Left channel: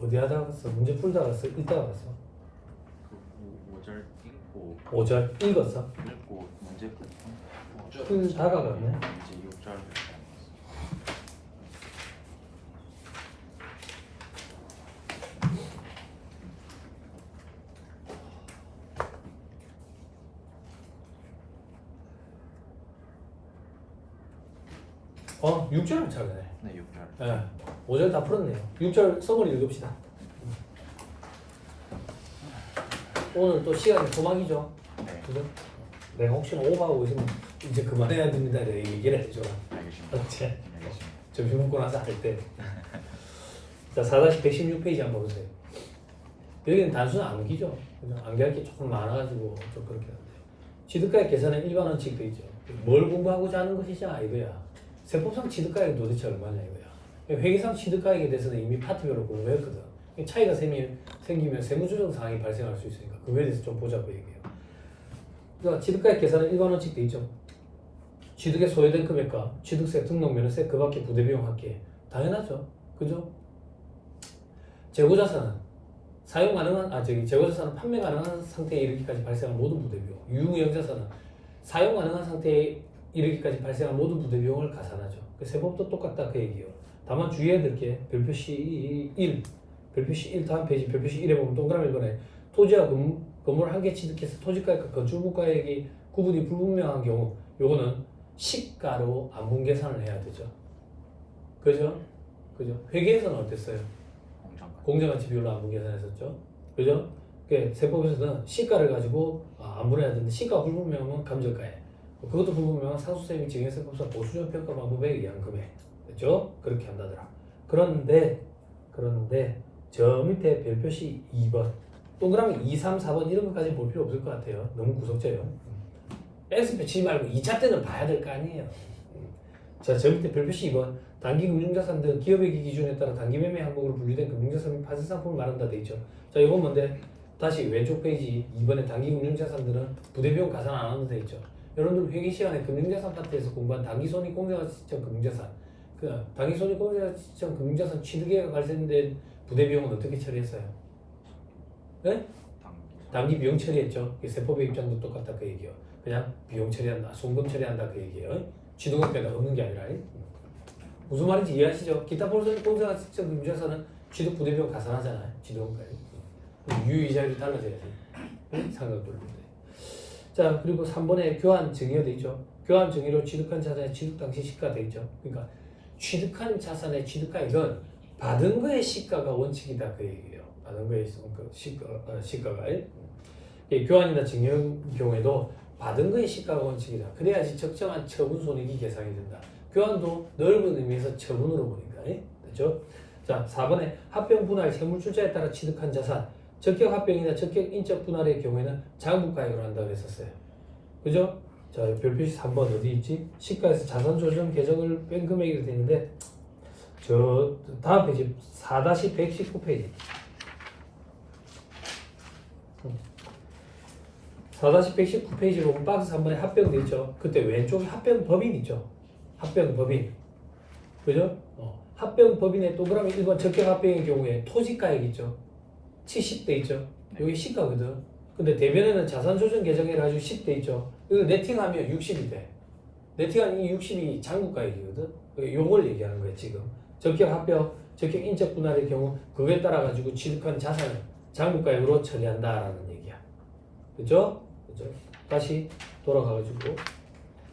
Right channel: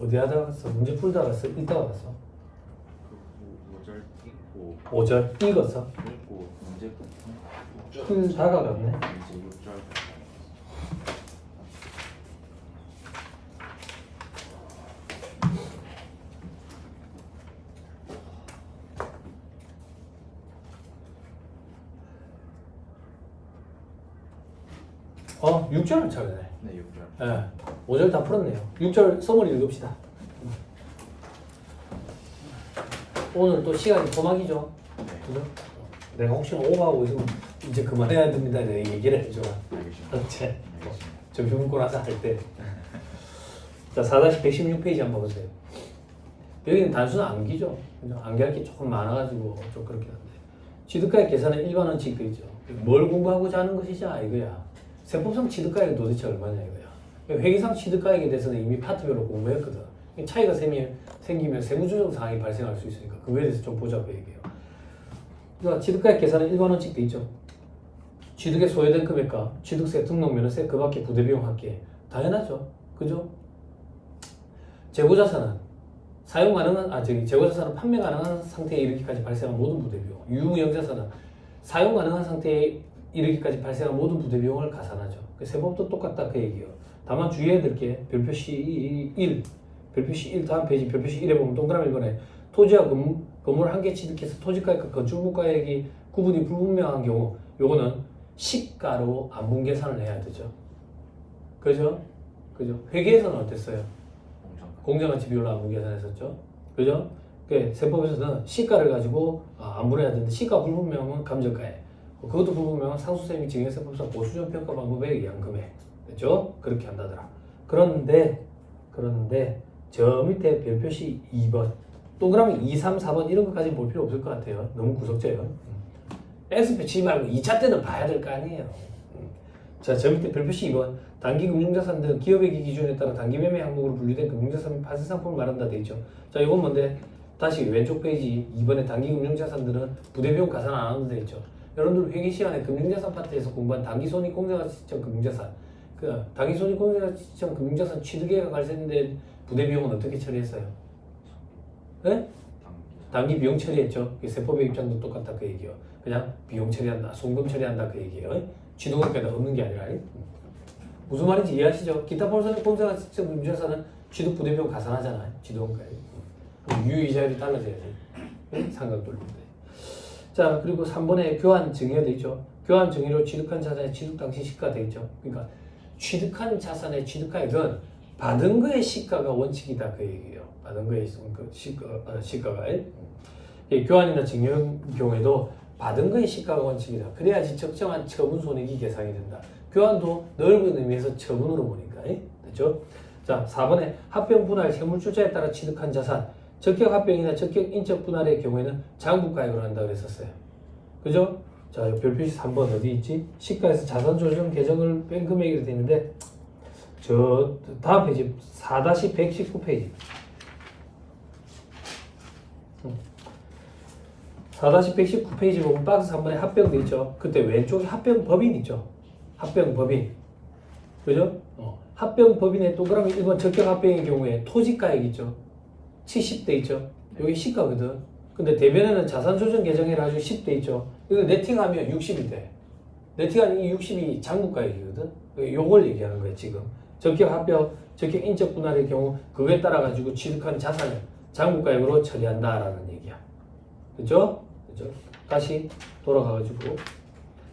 어디 하다가 갔어? 문제 풀다가 갔어? 읽다가 갔어? 5절 읽고 5절 읽었어? 읽고 문제 다가갔네. 이제 6절 어, 6절은 잘하네. 네 6절 예, 5절 다 풀었네요. 6절 서머리 읽읍시다. 오늘 또 시간이 토막이죠. 네 그죠? 내가 혹시 오가고 있으면 이제 그만해야 됩니다. 내가 얘기를 해줘. 알겠습니다. 어째? 알겠습니다. 점심 먹고 나서 할 때. 자, 4-116페이지 한번 보세요. 여기는 단순 암기죠. 그죠? 암기할 게 조금 많아가지고 좀 그렇긴 한데. 취득가액 계산은 일반 원칙이 되어 있죠. 뭘 공부하고자 하는 것이냐 이거야. 세법상 취득가액은 도대체 얼마냐 이거야. 회계상 취득가액에 대해서는 이미 파트별로 공부했거든. 차이가 생기면 세무조정 사항이 발생할 수 있으니까 그거에 대해서 좀 보자고 얘기해요. 그러니까 취득가액 계산은 일반 원칙 돼 있죠. 취득에 소요된 금액과 취득세, 등록면허세, 그 밖에 부대비용 합계 당연하죠. 그죠? 재고자산은 사용 가능한 재고자산은 판매 가능한 상태에 이르기까지 발생한 모든 부대비용. 유무영자산은 사용 가능한 상태에 이르기까지 발생한 모든 부대비용을 가산하죠. 그 세법도 똑같다 그 얘기예요. 다만 주의해야 될 게 별표시 1, 별표시 1 다음 페이지 별표시 1에 보면 동그라미 1번에 토지와 건물 한 개 취득해서 토지가액과 건축물가액이 구분이 불분명한 경우 요거는 시가로 안분 계산을 해야 되죠. 그죠? 그죠? 회계에서는 어땠어요? 공정가치 비율로 안분 계산했었죠. 그죠? 그 세법에서는 시가를 가지고 안분해야 되는데 시가 불분명하면 감정가액, 그것도 불분명한 상수세 및 증여세법상 보수적 평가 방법에 의한 금액, 됐죠? 그렇게 한다더라. 그런데 저 밑에 별표시 2번 동그라미 2, 3, 4번 이런 것까지 볼 필요 없을 것 같아요. 너무 구석져요. S표 치지 말고 2차 때는 봐야 될 거 아니에요. 자, 저 밑에 별표시 2번 단기 금융자산 등 기업회계 기준에 따라 단기 매매 항목으로 분류된 금융자산 및 파생 상품을 말한다 돼 있죠. 자, 이건 뭔데? 다시 왼쪽 페이지 2번에 단기 금융자산들은 부대비용 가산 안 하는 데 있죠. 여러분들 회계 시간에 금융자산 파트에서 공부한 단기 손익공제가치 시점 금융자산, 그 단기 손익공제가치 시점 금융자산 취득액가 발생된 부대비용은 어떻게 처리했어요? 네? 단기 비용 처리했죠. 세법의 입장도 똑같다 그 얘기예요. 그냥 비용 처리한다, 송금 처리한다 그 얘기예요. 취득원가에다 없는 게 아니라. 무슨 말인지 이해하시죠? 기타 볼선이 공사가치 시점 금융자산은 취득 부대비용 가산하잖아요. 취득원가에. 유의자율이 달라져야지. 상각돌인데. 자, 그리고 3번에 교환 증여가 돼 있죠. 교환 증여로 취득한 자산의 취득 당시 시가가 돼 있죠. 그러니까 취득한 자산의 취득가액은 받은 거의 시가가 원칙이다 그 얘기예요. 받은 거의 시가가. 교환이나 증여의 경우에도 받은 거의 시가가 원칙이다. 그래야지 적정한 처분 손익이 계산이 된다. 교환도 넓은 의미에서 처분으로 보니까. 됐죠? 자, 4번에 합병 분할 세물출자에 따라 취득한 자산, 적격 합병이나 적격 인적 분할의 경우에는 장부가액으로 한다고 했었어요. 그죠? 자, 별표시 3번 어디 있지? 시가에서 자산 조정 계정을 뺀 금액이 되는데 저 다음 페이지 4-119페이지 4-119페이지 보면 박스 3번에 합병돼 있죠. 그때 왼쪽에 합병법인 있죠. 합병법인. 그죠? 합병법인의 동그라미 1번 적격 합병의 경우에 토지가액 있죠. 70대 있죠. 여기 시가거든. 근데 대변에는 자산 조정 계정에 가지고 10대 있죠. 이거 네팅하면 60이 돼. 네팅하면 이 60이 장부가액이거든. 요걸 얘기하는 거예요 지금. 적격 합병, 적격 인적 분할의 경우 그거에 따라 가지고 취득한 자산을 장부가액으로 처리한다라는 얘기야. 그죠? 그죠? 다시 돌아가가지고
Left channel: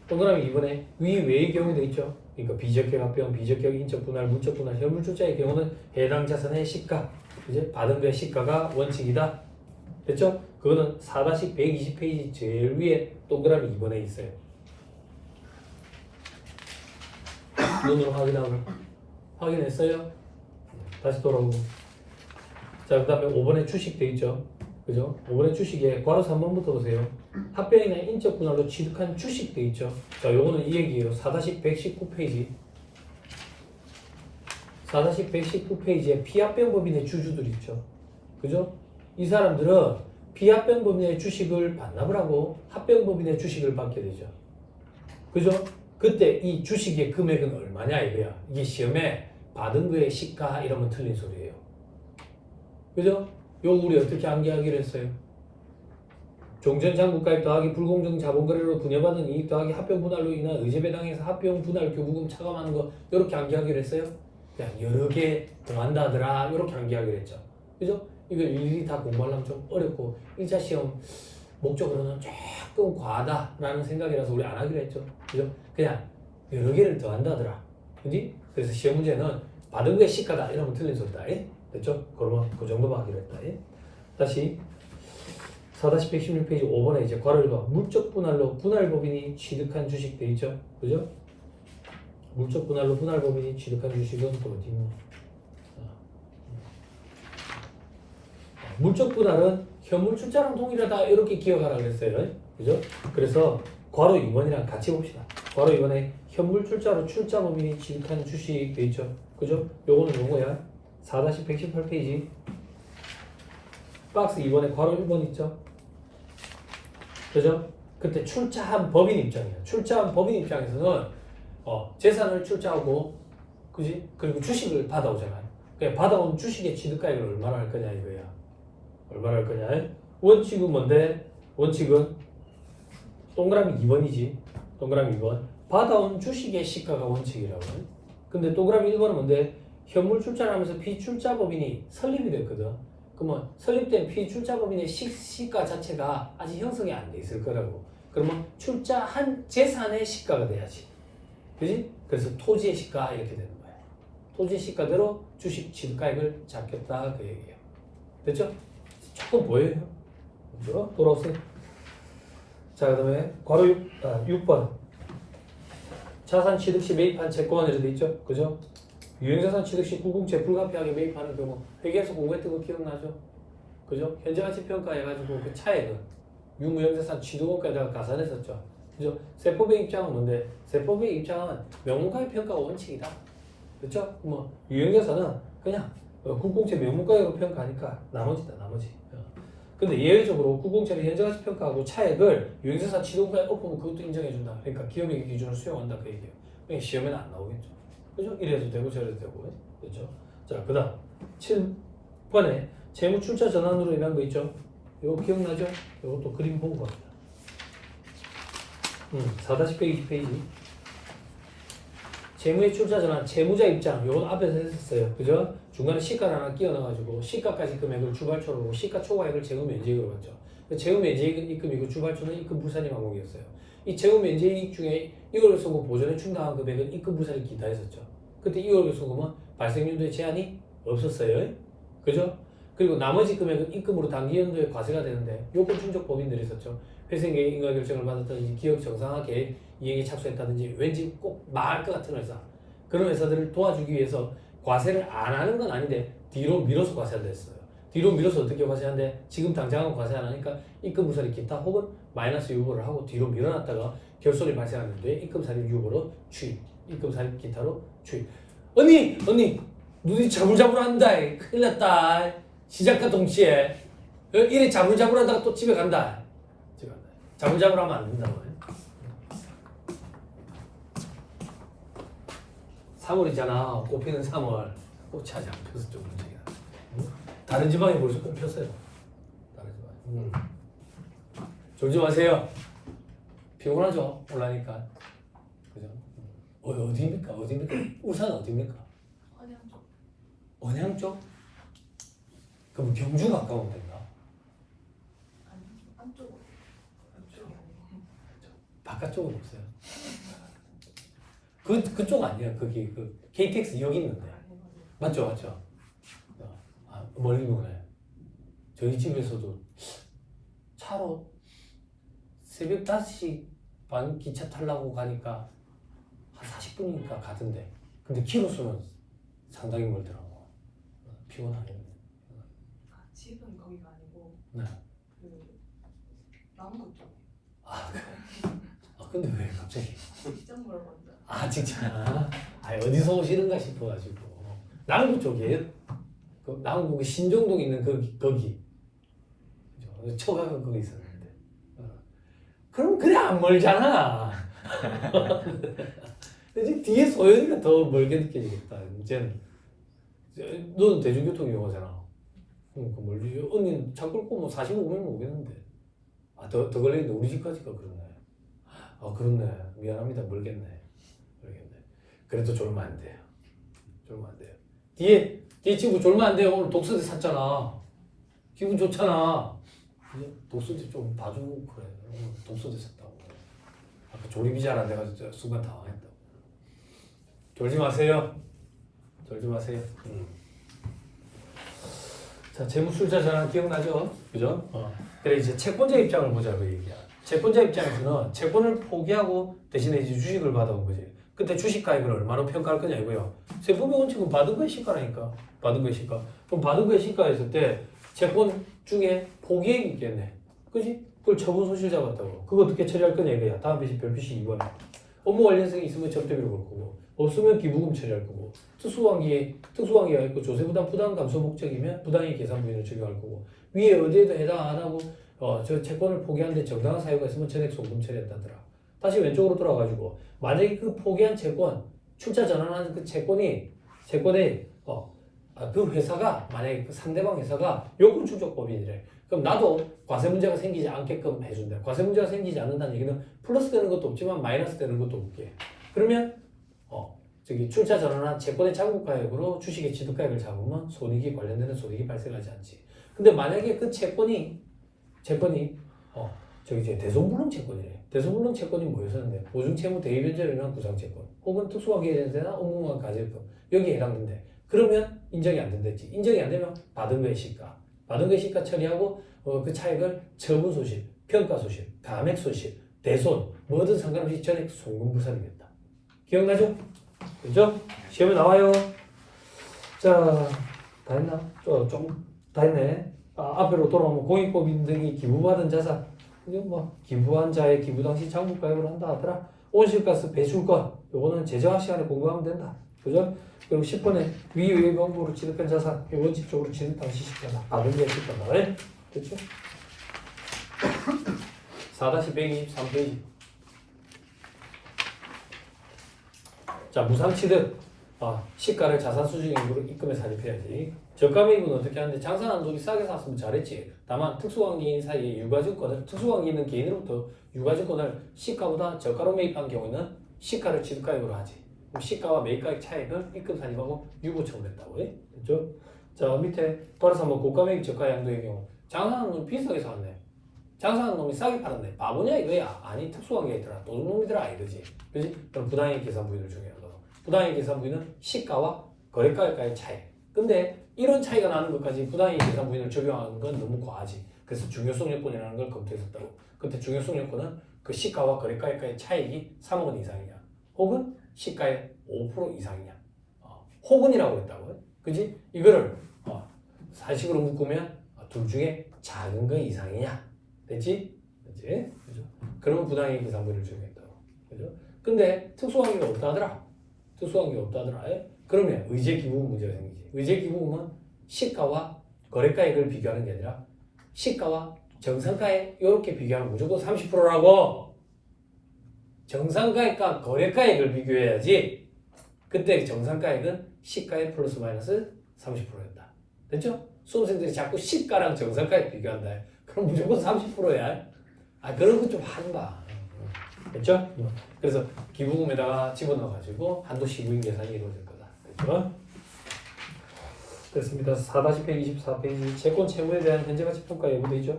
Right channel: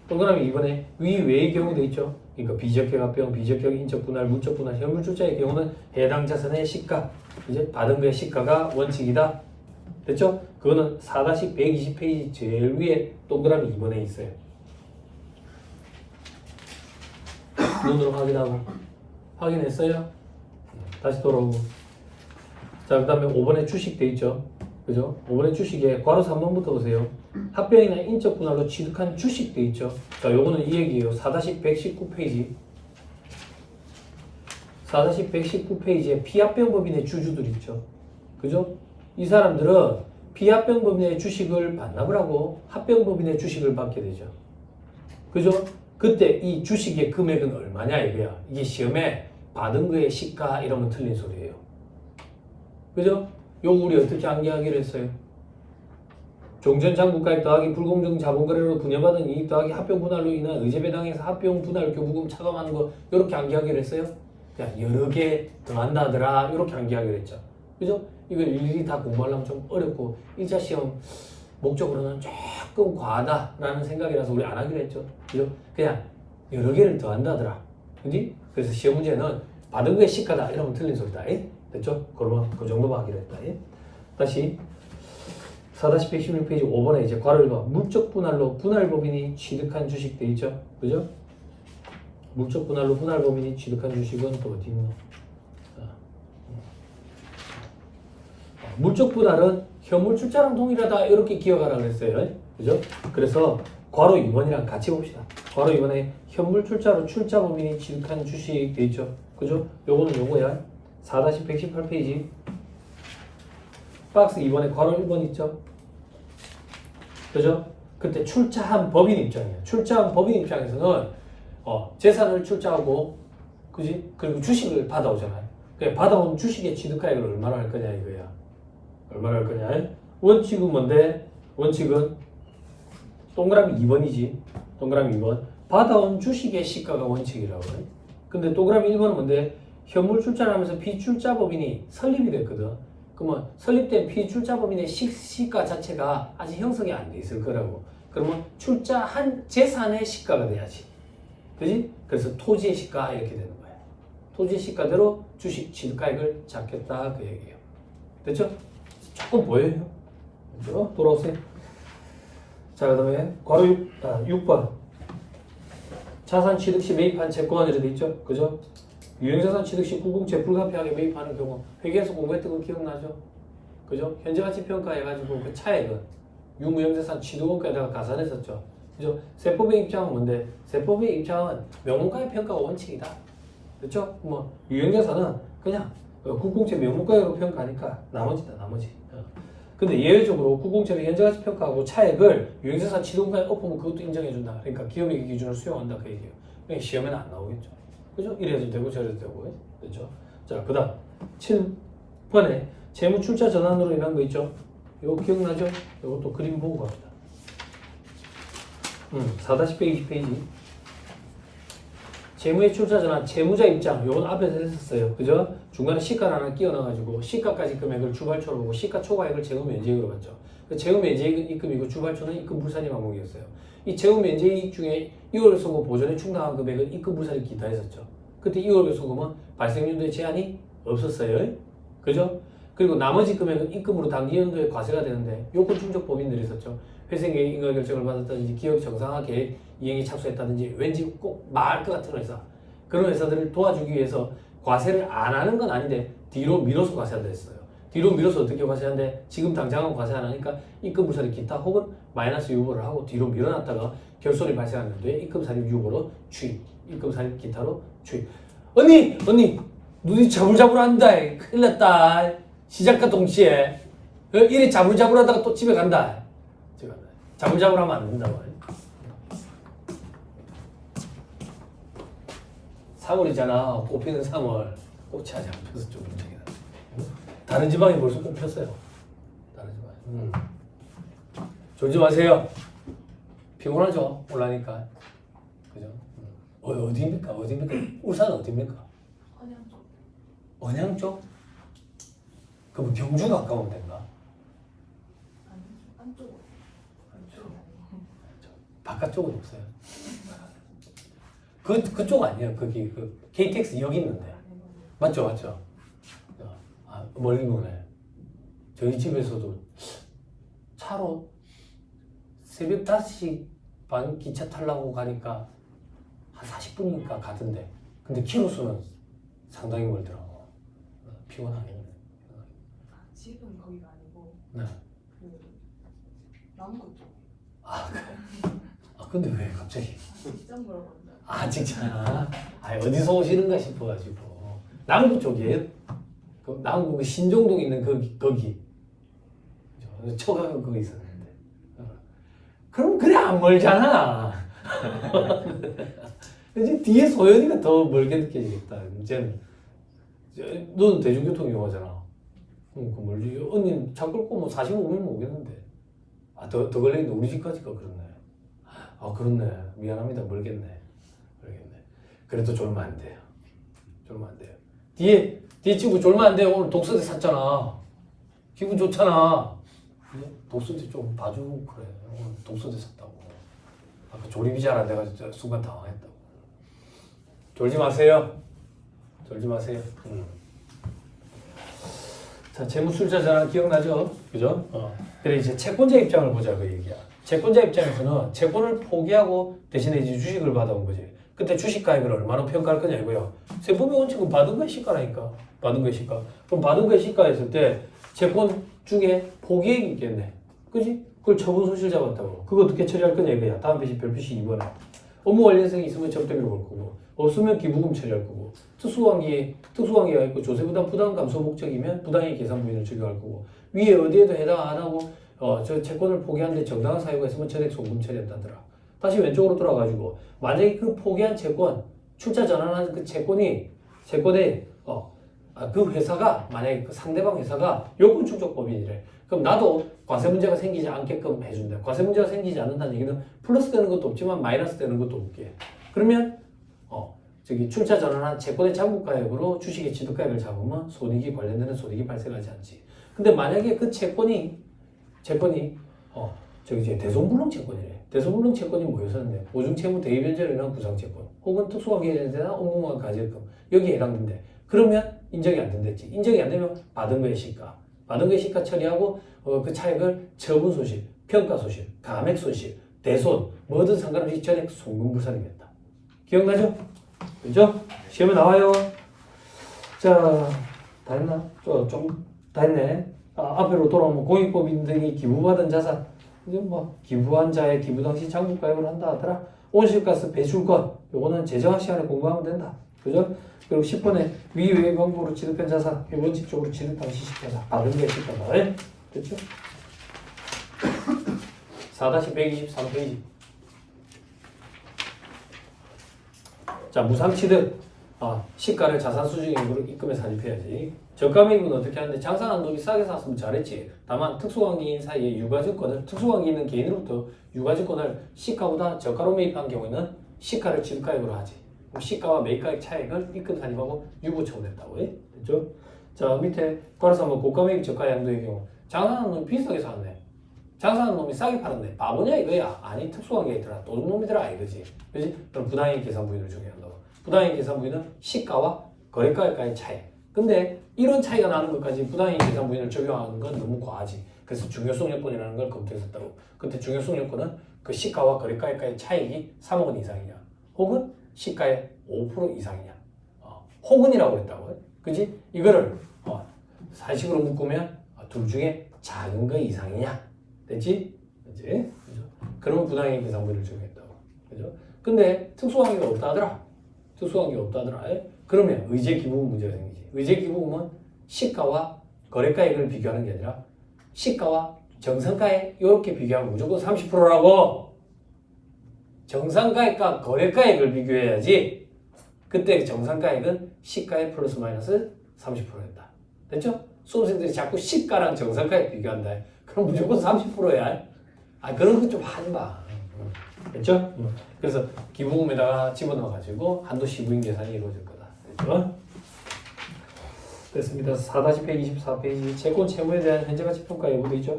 동그라미 이번에 위외의 경우도 있죠. 그러니까 비적격 합병, 비적격 인적 분할, 문적 분할, 현물 출자의 경우는 해당 자산의 시가, 이제 받은 거의 시가가 원칙이다. 됐죠? 그거는 4-120페이지 제일 위에 동그라미 2번에 있어요. 눈으로 확인하고. 확인했어요? 다시 돌아오고. 자, 그 다음에 5번에 주식 돼 있죠? 그죠? 5번에 주식에 괄호 3번부터 보세요. 합병이나 인적 분할로 취득한 주식 돼 있죠? 자, 요거는 이 얘기예요. 4-119페이지. 4-119페이지에 피합병법인의 주주들 있죠? 그죠? 이 사람들은 피합병법인의 주식을 반납을 하고 합병법인의 주식을 받게 되죠. 그죠? 그때 이 주식의 금액은 얼마냐 이거야. 이게 시험에 받은 거의 시가 이러면 틀린 소리예요. 그죠? 요거 우리 어떻게 암기하기로 했어요? 종전 장부가액 더하기 불공정 자본거래로 분여받은 이익 더하기 합병 분할로 인한 의제 배당에서 합병 분할 교부금 차감하는 거 요렇게 암기하기로 했어요? 그냥 여러 개 더한다 하더라 요렇게 암기하기로 했죠. 그죠? 이걸 일일이 다 공부하려면 좀 어렵고 1차 시험 목적으로는 조금 과하다라는 생각이라서 우리 안 하기로 했죠. 그죠? 그냥 여러 개를 더한다더라. 그지? 그래서 시험 문제는 받은 거에 시가다 이러면 틀린 소리다. 예? 됐죠? 그 정도만 하기로 했다. 예? 다시 4-116페이지 5번에 이제 괄호 1번 물적 분할로 분할법인이 취득한 주식 돼 있죠? 그죠? 물적 분할로 분할법인이 취득한 주식은 또 어디 있나? 물적 분할은 현물 출자랑 동일하다 이렇게 기억하라고 했어요. 그죠? 그래서 괄호 2번이랑 같이 봅시다. 괄호 2번에 현물 출자로 출자법인이 취득한 주식 돼 있죠? 그죠? 요거는 요거야. 4-118페이지 박스 2번에 괄호 1번 있죠? 그죠? 그때 출자한 법인 입장이에요. 출자한 법인 입장에서는 재산을 출자하고 그지? 그리고 주식을 받아오잖아요. 그러니까 받아온 주식의 취득가액을 얼마나 할 거냐 이거야. 얼마나 할 거냐? 원칙은 뭔데? 원칙은 동그라미 2번이지. 동그라미 2번. 받아온 주식의 시가가 원칙이라고. 근데 동그라미 1번은 뭔데? 현물 출자를 하면서 비출자법인이 설립이 됐거든. 그러면 설립된 비출자법인의 시가 자체가 아직 형성이 안 돼 있을 거라고. 그러면 출자한 재산의 시가가 돼야지. 그지? 그래서 토지의 시가 이렇게 되는 거야. 토지의 시가대로 주식 취득가액을 잡겠다 그 얘기예요. 됐죠? 조금 보여요. 그죠? 돌아오세요. 자, 그 다음에 괄호 6번 자산 취득 시 매입한 채권이라 돼 있죠? 그죠? 유형자산 취득 시 불공채 불가피하게 매입하는 경우 회계에서 공부했던 거 기억나죠? 그죠? 현재가치 평가해가지고 그 차액은 유무형자산 취득원가에다가 가산했었죠. 그죠? 세법의 입장은 뭔데? 세법의 입장은 명문가의 평가가 원칙이다. 그렇죠? 뭐 유형자산은 그냥 국공채 명문가액으로 평가하니까 나머지다 나머지. 근데 예외적으로 국공채는 현재가치 평가하고 차액을 유형자산 취득원가에 엎으면 그것도 인정해준다. 그러니까 기업의 기준을 수용한다 그 얘기예요. 그러니까 시험에는 안 나오겠죠. 그죠? 이래도 되고 저래도 되고. 그렇죠? 자, 그 다음 7번에 재무 출자 전환으로 인한 거 있죠? 이거 기억나죠? 이것도 그림 보고 갑니다. 4-120페이지 재무의 출자 전환, 재무자 입장 요건 앞에서 했었어요. 그죠? 중간에 시가 하나 끼워 넣어가지고 시가까지 금액을 주발초로 보고 시가 초과액을 재무 면제액으로 받죠. 그 재무 면제액은 입금이고 주발초는 입금 불산이 항목이었어요. 이 재무 면제액 중에 2월 소금 보전에 충당한 금액은 입금 불산이 기타 했었죠. 그때 2월 소금은 발생연도에 제한이 없었어요. 그죠? 그리고 나머지 금액은 입금으로 당기연도에 과세가 되는데 요건 충족 법인들이 있었죠. 회생계획 인가 결정을 받았다든지 기업 정상화 계획 이행에 착수했다든지 왠지 꼭 망할 것 같은 회사 그런 회사들을 도와주기 위해서 과세를 안 하는 건 아닌데 뒤로 밀어서 과세한다 했어요. 뒤로 밀어서 어떻게 과세하는데 지금 당장은 과세 안 하니까 입금부산이 기타 혹은 마이너스 유보를 하고 뒤로 밀어놨다가 결손이 발생하는데 입금살입 유보로 추입 입금살입 기타로 추입. 언니 눈이 자불자불한다. 큰일 났다. 시작과 동시에 이래 자불자불하다가 또 집에 간다. 자불자불하면 안 된다고. 3월이잖아. 꽃피는 3월. 꽃이 아직 안 폈어. 좀 문제긴 한데. 다른 지방이 벌써 꽃 폈어요. 다른 지방이. 졸지 마세요. 피곤하죠. 올라니까. 그죠? 어디입니까? 울산은 어디입니까? 언양 쪽. 언양 쪽? 그럼 경주 가까우면 된가? 아니 안쪽으로. 안쪽이 아니고. 바깥쪽은 없어요. 그쪽 아니에요. 거기 그 KTX 역 있는데. 맞죠? 멀리 보네. 저희 집에서도 차로 새벽 5시 반 기차 타려고 가니까 한 40분이니까 가던데. 근데 키로수는 상당히 멀더라고. 피곤하네. 집은 거기가 아니고 네. 그 남구 쪽. 근데 왜 갑자기? 직접 물어본다. 진짜. 어디서 오시는가 싶어가지고. 남구 쪽이에요? 그 남구 그 신정동에 있는 거기. 처가가 거기 있었는데. 그럼 그래 안 멀잖아. 이제 뒤에 소연이가 더 멀게 느껴지겠다. 이제는 너는 대중교통 이용하잖아. 그 멀리 언니 차 끌고 뭐 45분 오겠는데. 아, 더 걸리는데 우리 집까지가 그렇네. 아, 그렇네. 미안합니다. 멀겠네. 그래도 졸면 안 돼요. 졸면 안 돼요. 뒤에 친구 졸면 안 돼요. 오늘 독서대 샀잖아. 기분 좋잖아. 독서대 좀 봐주고 그래. 오늘 독서대 샀다고. 아까 조립이 잘 안 돼가지고 순간 당황했다고. 졸지 마세요. 졸지 마세요. 자, 재무술자잖아. 기억나죠? 그죠? 그래 이제 채권자 입장을 보자 그 얘기야. 채권자 입장에서는 채권을 포기하고 대신에 이제 주식을 받아온 거지. 그때 주식 가액을 얼마로 평가할 거냐 이거요. 세법의 원칙은 받은 거의 시가라니까. 받은 거의 시가. 그럼 받은 거의 시가했을 때 채권 중에 포기액이 있겠네. 그지? 그걸 처분 소실자 같다고. 그거 어떻게 처리할 거냐 이거야. 다음 페이지 별표시 2번에. 업무 관련성이 있으면 접대비를 볼 거고 없으면 기부금 처리할 거고 특수관계가 있고 조세부담 부담 감소 목적이면 부당이익 계산 부위를 적용할 거고 위에 어디에도 해당 안 하고 저 채권을 포기하는데 정당한 사유가 있으면 전액 소금 처리한다더라. 다시 왼쪽으로 돌아가지고 만약에 그 포기한 채권 출자 전환한 그 채권에 그 회사가 만약에 그 상대방 회사가 요건 축적법인이래. 그럼 나도 과세 문제가 생기지 않게끔 해준다. 과세 문제가 생기지 않는다는 얘기는 플러스 되는 것도 없지만 마이너스 되는 것도 없게. 그러면 저기 출자 전환한 채권의 잔고가액으로 주식의 취득가액을 잡으면 손익이 관련되는 손익이 발생하지 않지. 근데 만약에 그 채권이 저기 이제 대손불능 채권이래. 대손불능 채권이 뭐였었는데 보증채무 대위변제를 위한 구상채권 혹은 특수관계에 대한 업무만 가질금 여기에 해당된대. 그러면 인정이 안 된댔지. 인정이 안 되면 받은 거의 시가. 받은 거의 시가 처리하고 그 차액을 처분 소실, 평가 소실, 감액 소실, 대손 뭐든 상관없이 전액 송금불산이겠다. 기억나죠? 그죠? 시험에 나와요. 자, 다 했나? 좀 다 했네. 앞으로 돌아오면 공익법인 등이 기부받은 자산 이제 뭐 기부한 자의 기부 당시 장부가액을 한다 하더라. 온실가스 배출권 요거는 제재화 시간에 공부하면 된다. 그죠? 그리고 10번에 위외의 방법으로 취득한 자산 원칙적으로 취득 당시 시가다. 받은 게 시가다. 됐죠? 4-123페이지. 자, 무상취득. 시가를 자산 수준액으로 입금해서 살입해야지. 저가매입은 어떻게 하는데 장사하는 놈이 싸게 샀으면 잘했지. 다만 특수관계인 사이에 유가증권을 특수관계 있는 개인으로부터 유가증권을 시가보다 저가로 매입한 경우에는 시가를 취득가액으로 하지. 그럼 시가와 매입가액 차액을 입금 살입하고 유보 처분했다고 해. 됐죠? 자, 밑에 따라서 뭐 고가매입 저가 양도의 경우 장사하는 놈이 비싸게 샀네. 장사하는 놈이 싸게 팔았네. 바보냐 이거야? 아니 특수관계이더라. 도둑놈이더라 이거지. 그지? 그럼 부당이익 계산 부위를 적용한다고. 부당이익 계산 부위는 시가와 거래가액과의 차이. 근데 이런 차이가 나는 것까지 부당이익 계산 부위를 적용하는 건 너무 과하지. 그래서 중요성 요건이라는 걸 검토했었다고. 그때 중요성 요건은 그 시가와 거래가액과의 차익이 3억 원 이상이냐, 혹은 시가의 5% 이상이냐, 혹은이라고 했다고. 그지? 이거를 사식으로 묶으면 둘 중에 작은 거 이상이냐, 됐지? 그지? 그죠? 그런 부당이익 계산 부위를 적용했다고. 그죠? 근데 특수관계가 없다 하더라. 특수관계가 없다 하더라. 그러면 의제 기부금 문제가 생기지. 의제 기부금은 시가와 거래가액을 비교하는 게 아니라 시가와 정상가액 이렇게 비교하면 무조건 30%라고. 정상가액과 거래가액을 비교해야지. 그때 정상가액은 시가의 플러스 마이너스 30%였다. 됐죠? 수험생들이 자꾸 시가랑 정상가액 비교한다. 그럼 무조건 30%야. 그런 거 좀 하지 마. 됐죠? 그래서 기부금에다가 집어넣어가지고 한도 시부인 계산이 이루어질 거다. 됐죠? 됐습니다. 4-124페이지 채권 채무에 대한 현재가치 평가 예고돼 있죠?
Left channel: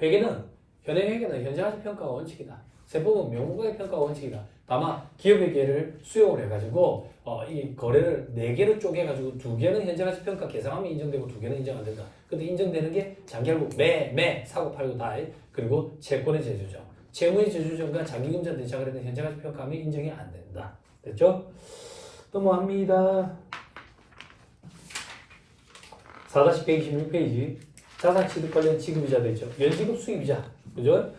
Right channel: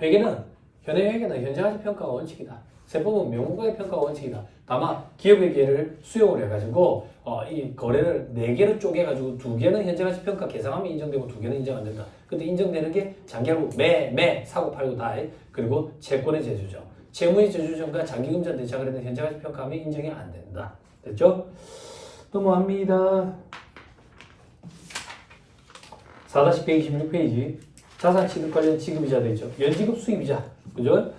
회계는 현행회계는 현재가치 평가 원칙이다. 세법은 명목가액 평가 원칙이다. 다만 기업회계를 수용을 해가지고 이 거래를 4개로 쪼개가지고 2개는 현재가치 평가 계상하면 인정되고 2개는 인정 안 된다. 근데 인정되는 게 장기하고 매 사고 팔고 다 해. 그리고 채권의 제조정, 채무의 제조정과 장기금전 대상을 했는 현재가치 평가하면 인정이 안 된다. 됐죠? 넘어갑니다. 4-126페이지 자산 취득 관련 지급이자 되죠. 연지급 수입이자. 그죠?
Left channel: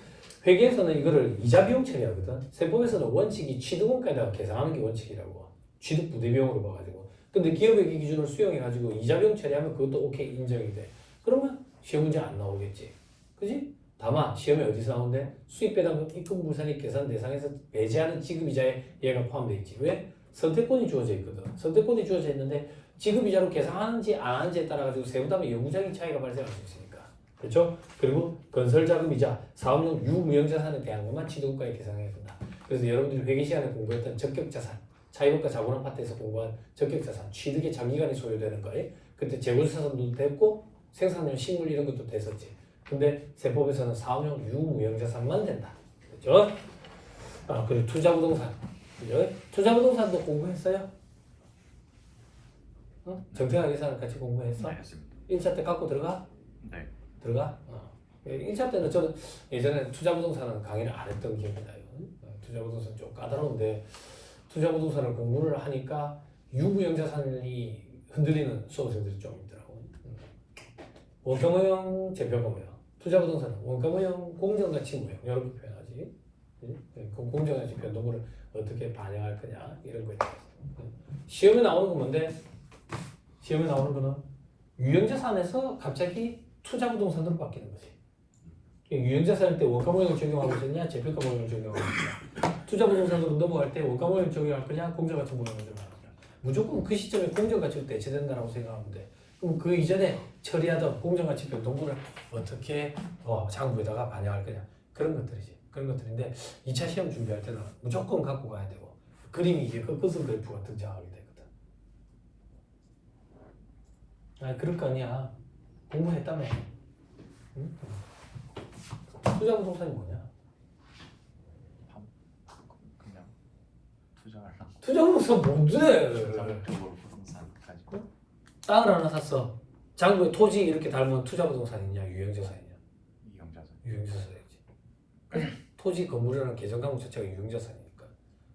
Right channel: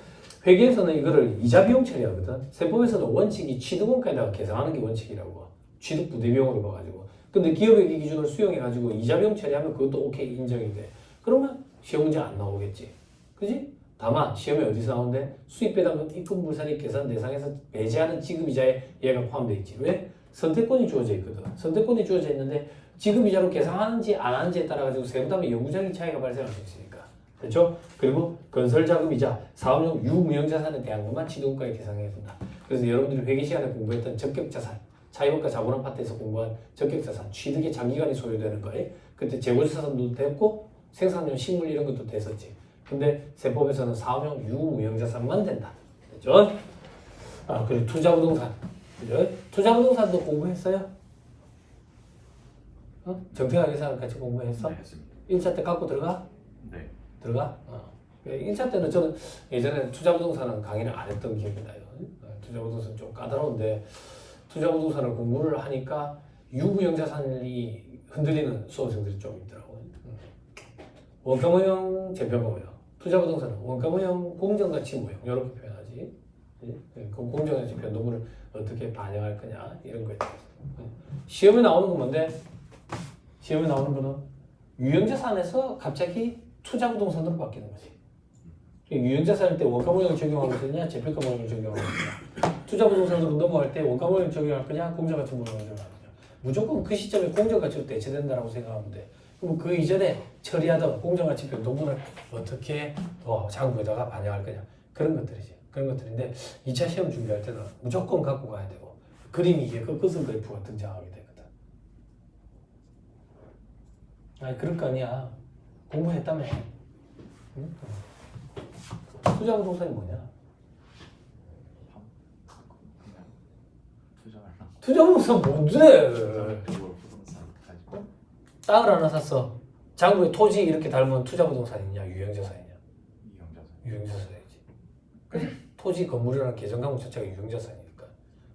회계에서는 이거를 이자 비용 처리하거든. 세법에서는 원칙이 취득원가에다가 계산하는 게 원칙이라고. 취득 부대 비용으로 봐가지고. 근데 기업회계 기준을 수용해가지고 이자 비용 처리하면 그것도 오케이 인정이 돼. 그러면 시험 문제 안 나오겠지. 그지? 다만 시험에 어디서 나오는데 수입 배당 입금 불산익 계산 대상에서 배제하는 지급이자에 얘가 포함되어 있지. 왜? 선택권이 주어져 있거든. 선택권이 주어져 있는데 지급이자로 계산하는지 안 하는지에 따라 가지고 세부담의 영구적인 차이가 발생할 수 있으니까. 됐죠? 그리고 건설자금이자 사업용 유무형자산에 대한 것만 취득가에 계산해야 된다. 그래서 여러분들이 회계 시간에 공부했던 적격자산, 차이원가 자본 아파트에서 공부한 적격자산, 취득의 장기간이 소요되는 거에 그때 재고자산도 됐고 생산용 식물 이런 것도 됐었지. 근데 세법에서는 사업용 유무형자산만 된다. 됐죠? 그리고 투자부동산. 투자부동산도 공부했어요? 정태가 예산을 같이 공부했어? 네, 했습니다. 1차 때 갖고 들어가? 네. 들어가? 1차 때는 저는 예전에 투자부동산은 강의를 안 했던 기억이 나요. 투자부동산 좀 까다로운데 투자부동산을 공부를 하니까 유무형자산이 흔들리는 수험생들이 좀 있더라고요. 원가모형, 재평가모형. 투자부동산은 원가모형, 공정가치모형 이렇게 표현하지. 그 공정가치 변동을 어떻게 반영할 거냐 이런 거에 대해서. 시험에 나오는 건 뭔데? 시험에 나오는 거는 유형자산에서 갑자기 투자부동산으로 바뀌는 거지. 유형자산일 때 원가모형을 적용하고 있느냐, 재평가모형을 적용하고 있느냐. 투자부동산으로 넘어갈 때 원가모형을 적용할 거냐, 공정가치모형을 적용할 거냐. 무조건 그 시점에 공정가치로 대체된다고 생각하면 돼. 그럼 그 이전에 처리하던 공정가치 변동분을 어떻게 장부에다가 반영할 거냐. 그런 것들이지. 그런 것들인데 2차 시험 준비할 때는 무조건 갖고 가야 되고 그림이 이게 꺾어서 그래프가 등장하게 되거든. 아니 그럴 거 아니야. 공부했다며. 응? 투자부동산이 뭐냐? 그냥 투자하려고. 투자부동산 뭔데? 부동산 가지고. 땅을 하나 샀어. 장부에 토지 이렇게 닮은 투자부동산이냐 유형자산이냐? 이용자산. 유형자산이지. 토지 건물이라는 계정강목 자체가 유형자산이니까.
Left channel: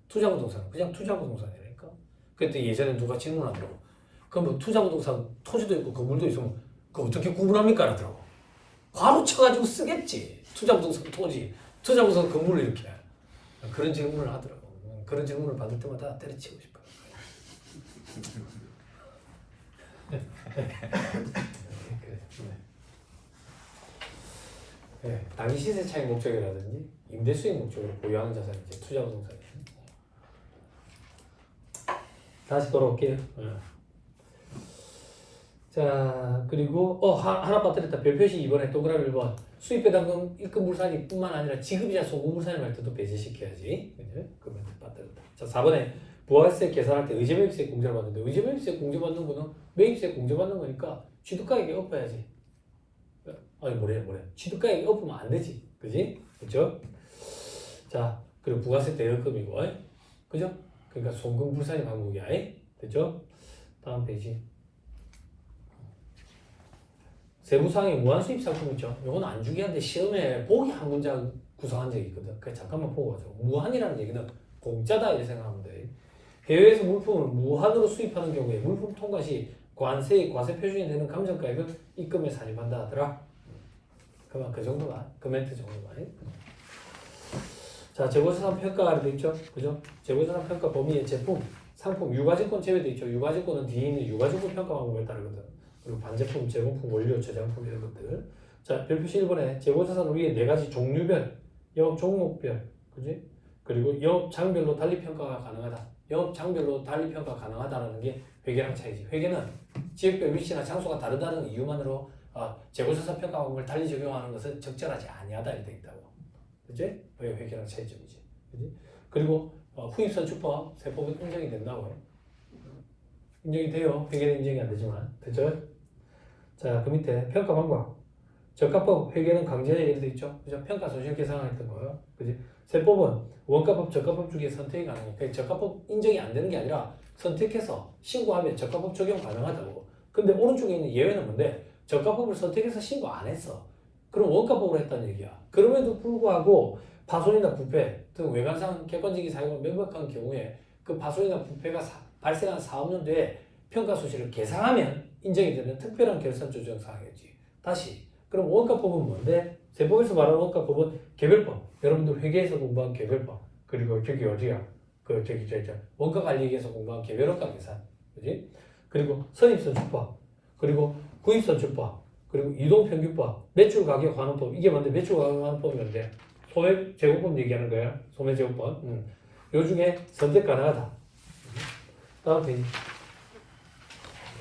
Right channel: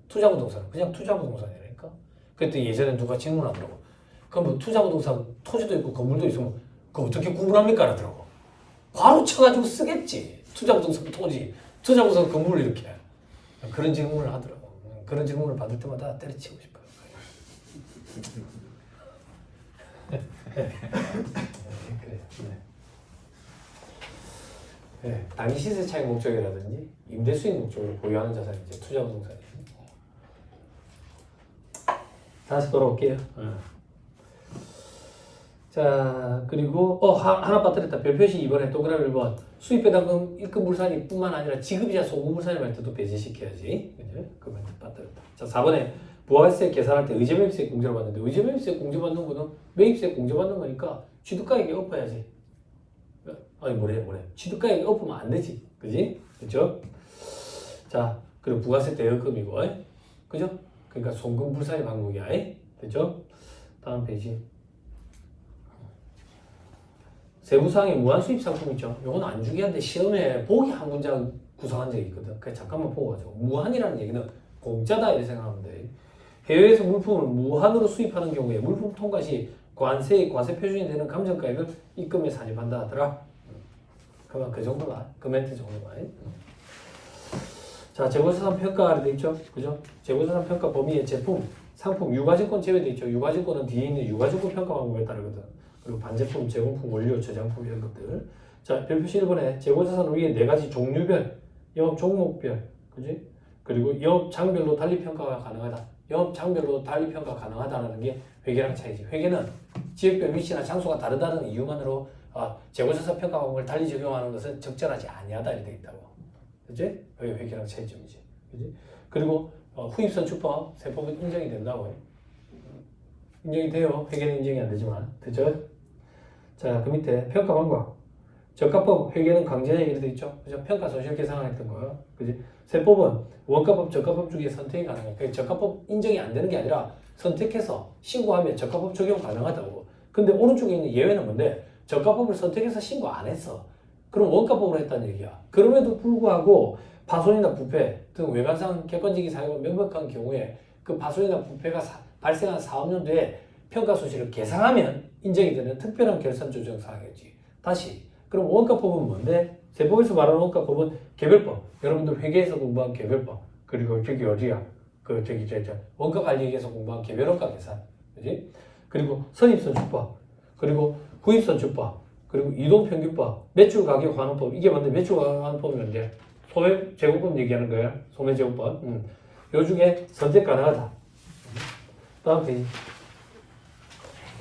투자부동산은 그냥 투자부동산이라니까. 그때 예전에 누가 질문하더라고. 그럼 뭐 투자부동산 토지도 있고 건물도 있으면 그거 어떻게 구분합니까? 하더라고. 바로 쳐가지고 쓰겠지. 투자부동산 토지, 투자부동산 건물 이렇게. 그런 질문을 하더라고. 그런 질문을 받을 때마다 때려치고 싶어요. 네, 단위 시세 차익 목적이라든지 임대 수익 목적으로 보유하는 자산이 이제 투자부동산이에요. 다시 돌아올게요. 자 그리고 하나 빠뜨렸다. 별표시 이번에 동그라미 1번 수입배당금 입금물산이 뿐만 아니라 지급이자 소금물산이 말 때도 배제시켜야지. 그죠? 그 멘트 빠뜨렸다. 자 4번에 부가세 계산할 때 의제매입세 공제를 받는데 의제매입세 공제받는 거는 매입세 공제받는 거니까 취득가액이 엎어야지. 아니 뭐래 취득가액이 엎으면 안 되지. 그지? 그죠? 자 그리고 부가세 대여금이고 그죠? 그러니까 송금불산이 항목이야. 그죠? 다음 페이지. 세부사항에 무한수입 상품 있죠. 이건 안 중요한데 시험에 보기 한 문장 구성한 적이 있거든. 그냥 잠깐만 보고 가죠. 무한이라는 얘기는 공짜다 이렇게 생각하면 돼. 해외에서 물품을 무한으로 수입하는 경우에 물품 통과 시 관세의 과세 표준이 되는 감정가액을 입금에 산입한다 하더라. 그만 그 정도가 그 멘트 정도가. 자 재고자산 평가가 돼 있죠. 그죠? 재고자산 평가 범위에 제품, 상품, 유가증권 제외돼 있죠. 유가증권은 뒤에 있는 유가증권 평가 방법에 따르거든. 그리고 반제품, 제공품, 원료, 저장품 이런 것들. 자 별표시 1번에 재고자산 위에 4가지 종류별, 영업 종목별, 그지? 그리고 영업 장별로 달리 평가가 가능하다. 영업 장별로 달리 평가 가능하다는 게 회계랑 차이지. 회계는 지역별 위치나 장소가 다르다는 이유만으로 재고자산 평가 방법을 달리 적용하는 것은 적절하지 아니하다 이렇게 돼 있다고. 그지? 여기 회계랑 차이점이지. 그지? 그리고 후입선출법 세법은 인정이 된다고. 인정이 돼요. 회계는 인정이 안 되지만. 됐죠? 자, 그 밑에 평가 방법. 저가법 회계는 강제에 이렇게 있죠. 그죠? 평가 손실 계산했던 거예요. 그지? 세법은 원가법, 저가법 중에 선택이 가능해요. 그러니까 저가법 인정이 안 되는 게 아니라 선택해서 신고하면 저가법 적용 가능하다고. 근데 오른쪽에 있는 예외는 뭔데? 저가법을 선택해서 신고 안 했어. 그럼 원가법으로 했다는 얘기야. 그럼에도 불구하고 파손이나 부패 등 외관상 객관적인 사유가 명백한 경우에 그 파손이나 부패가 발생한 사업연도에 평가 손실을 계상하면 인정이 되는 특별한 결산 조정 사항이지. 다시 그럼 원가법은 뭔데? 세법에서 말하는 원가법은 개별법. 여러분들 회계에서 공부한 개별법. 그리고 저기 어디야? 원가 관리에서 공부한 개별원가 계산. 그지? 그리고 선입선출법. 그리고 구입선출법. 그리고 이동평균법. 매출가격환원법. 이게 뭔데? 매출가격환원법이 뭔데? 소매제공법 얘기하는 거예요. 소매제공법. 요 중에 선택 가능하다. 다음 페이지.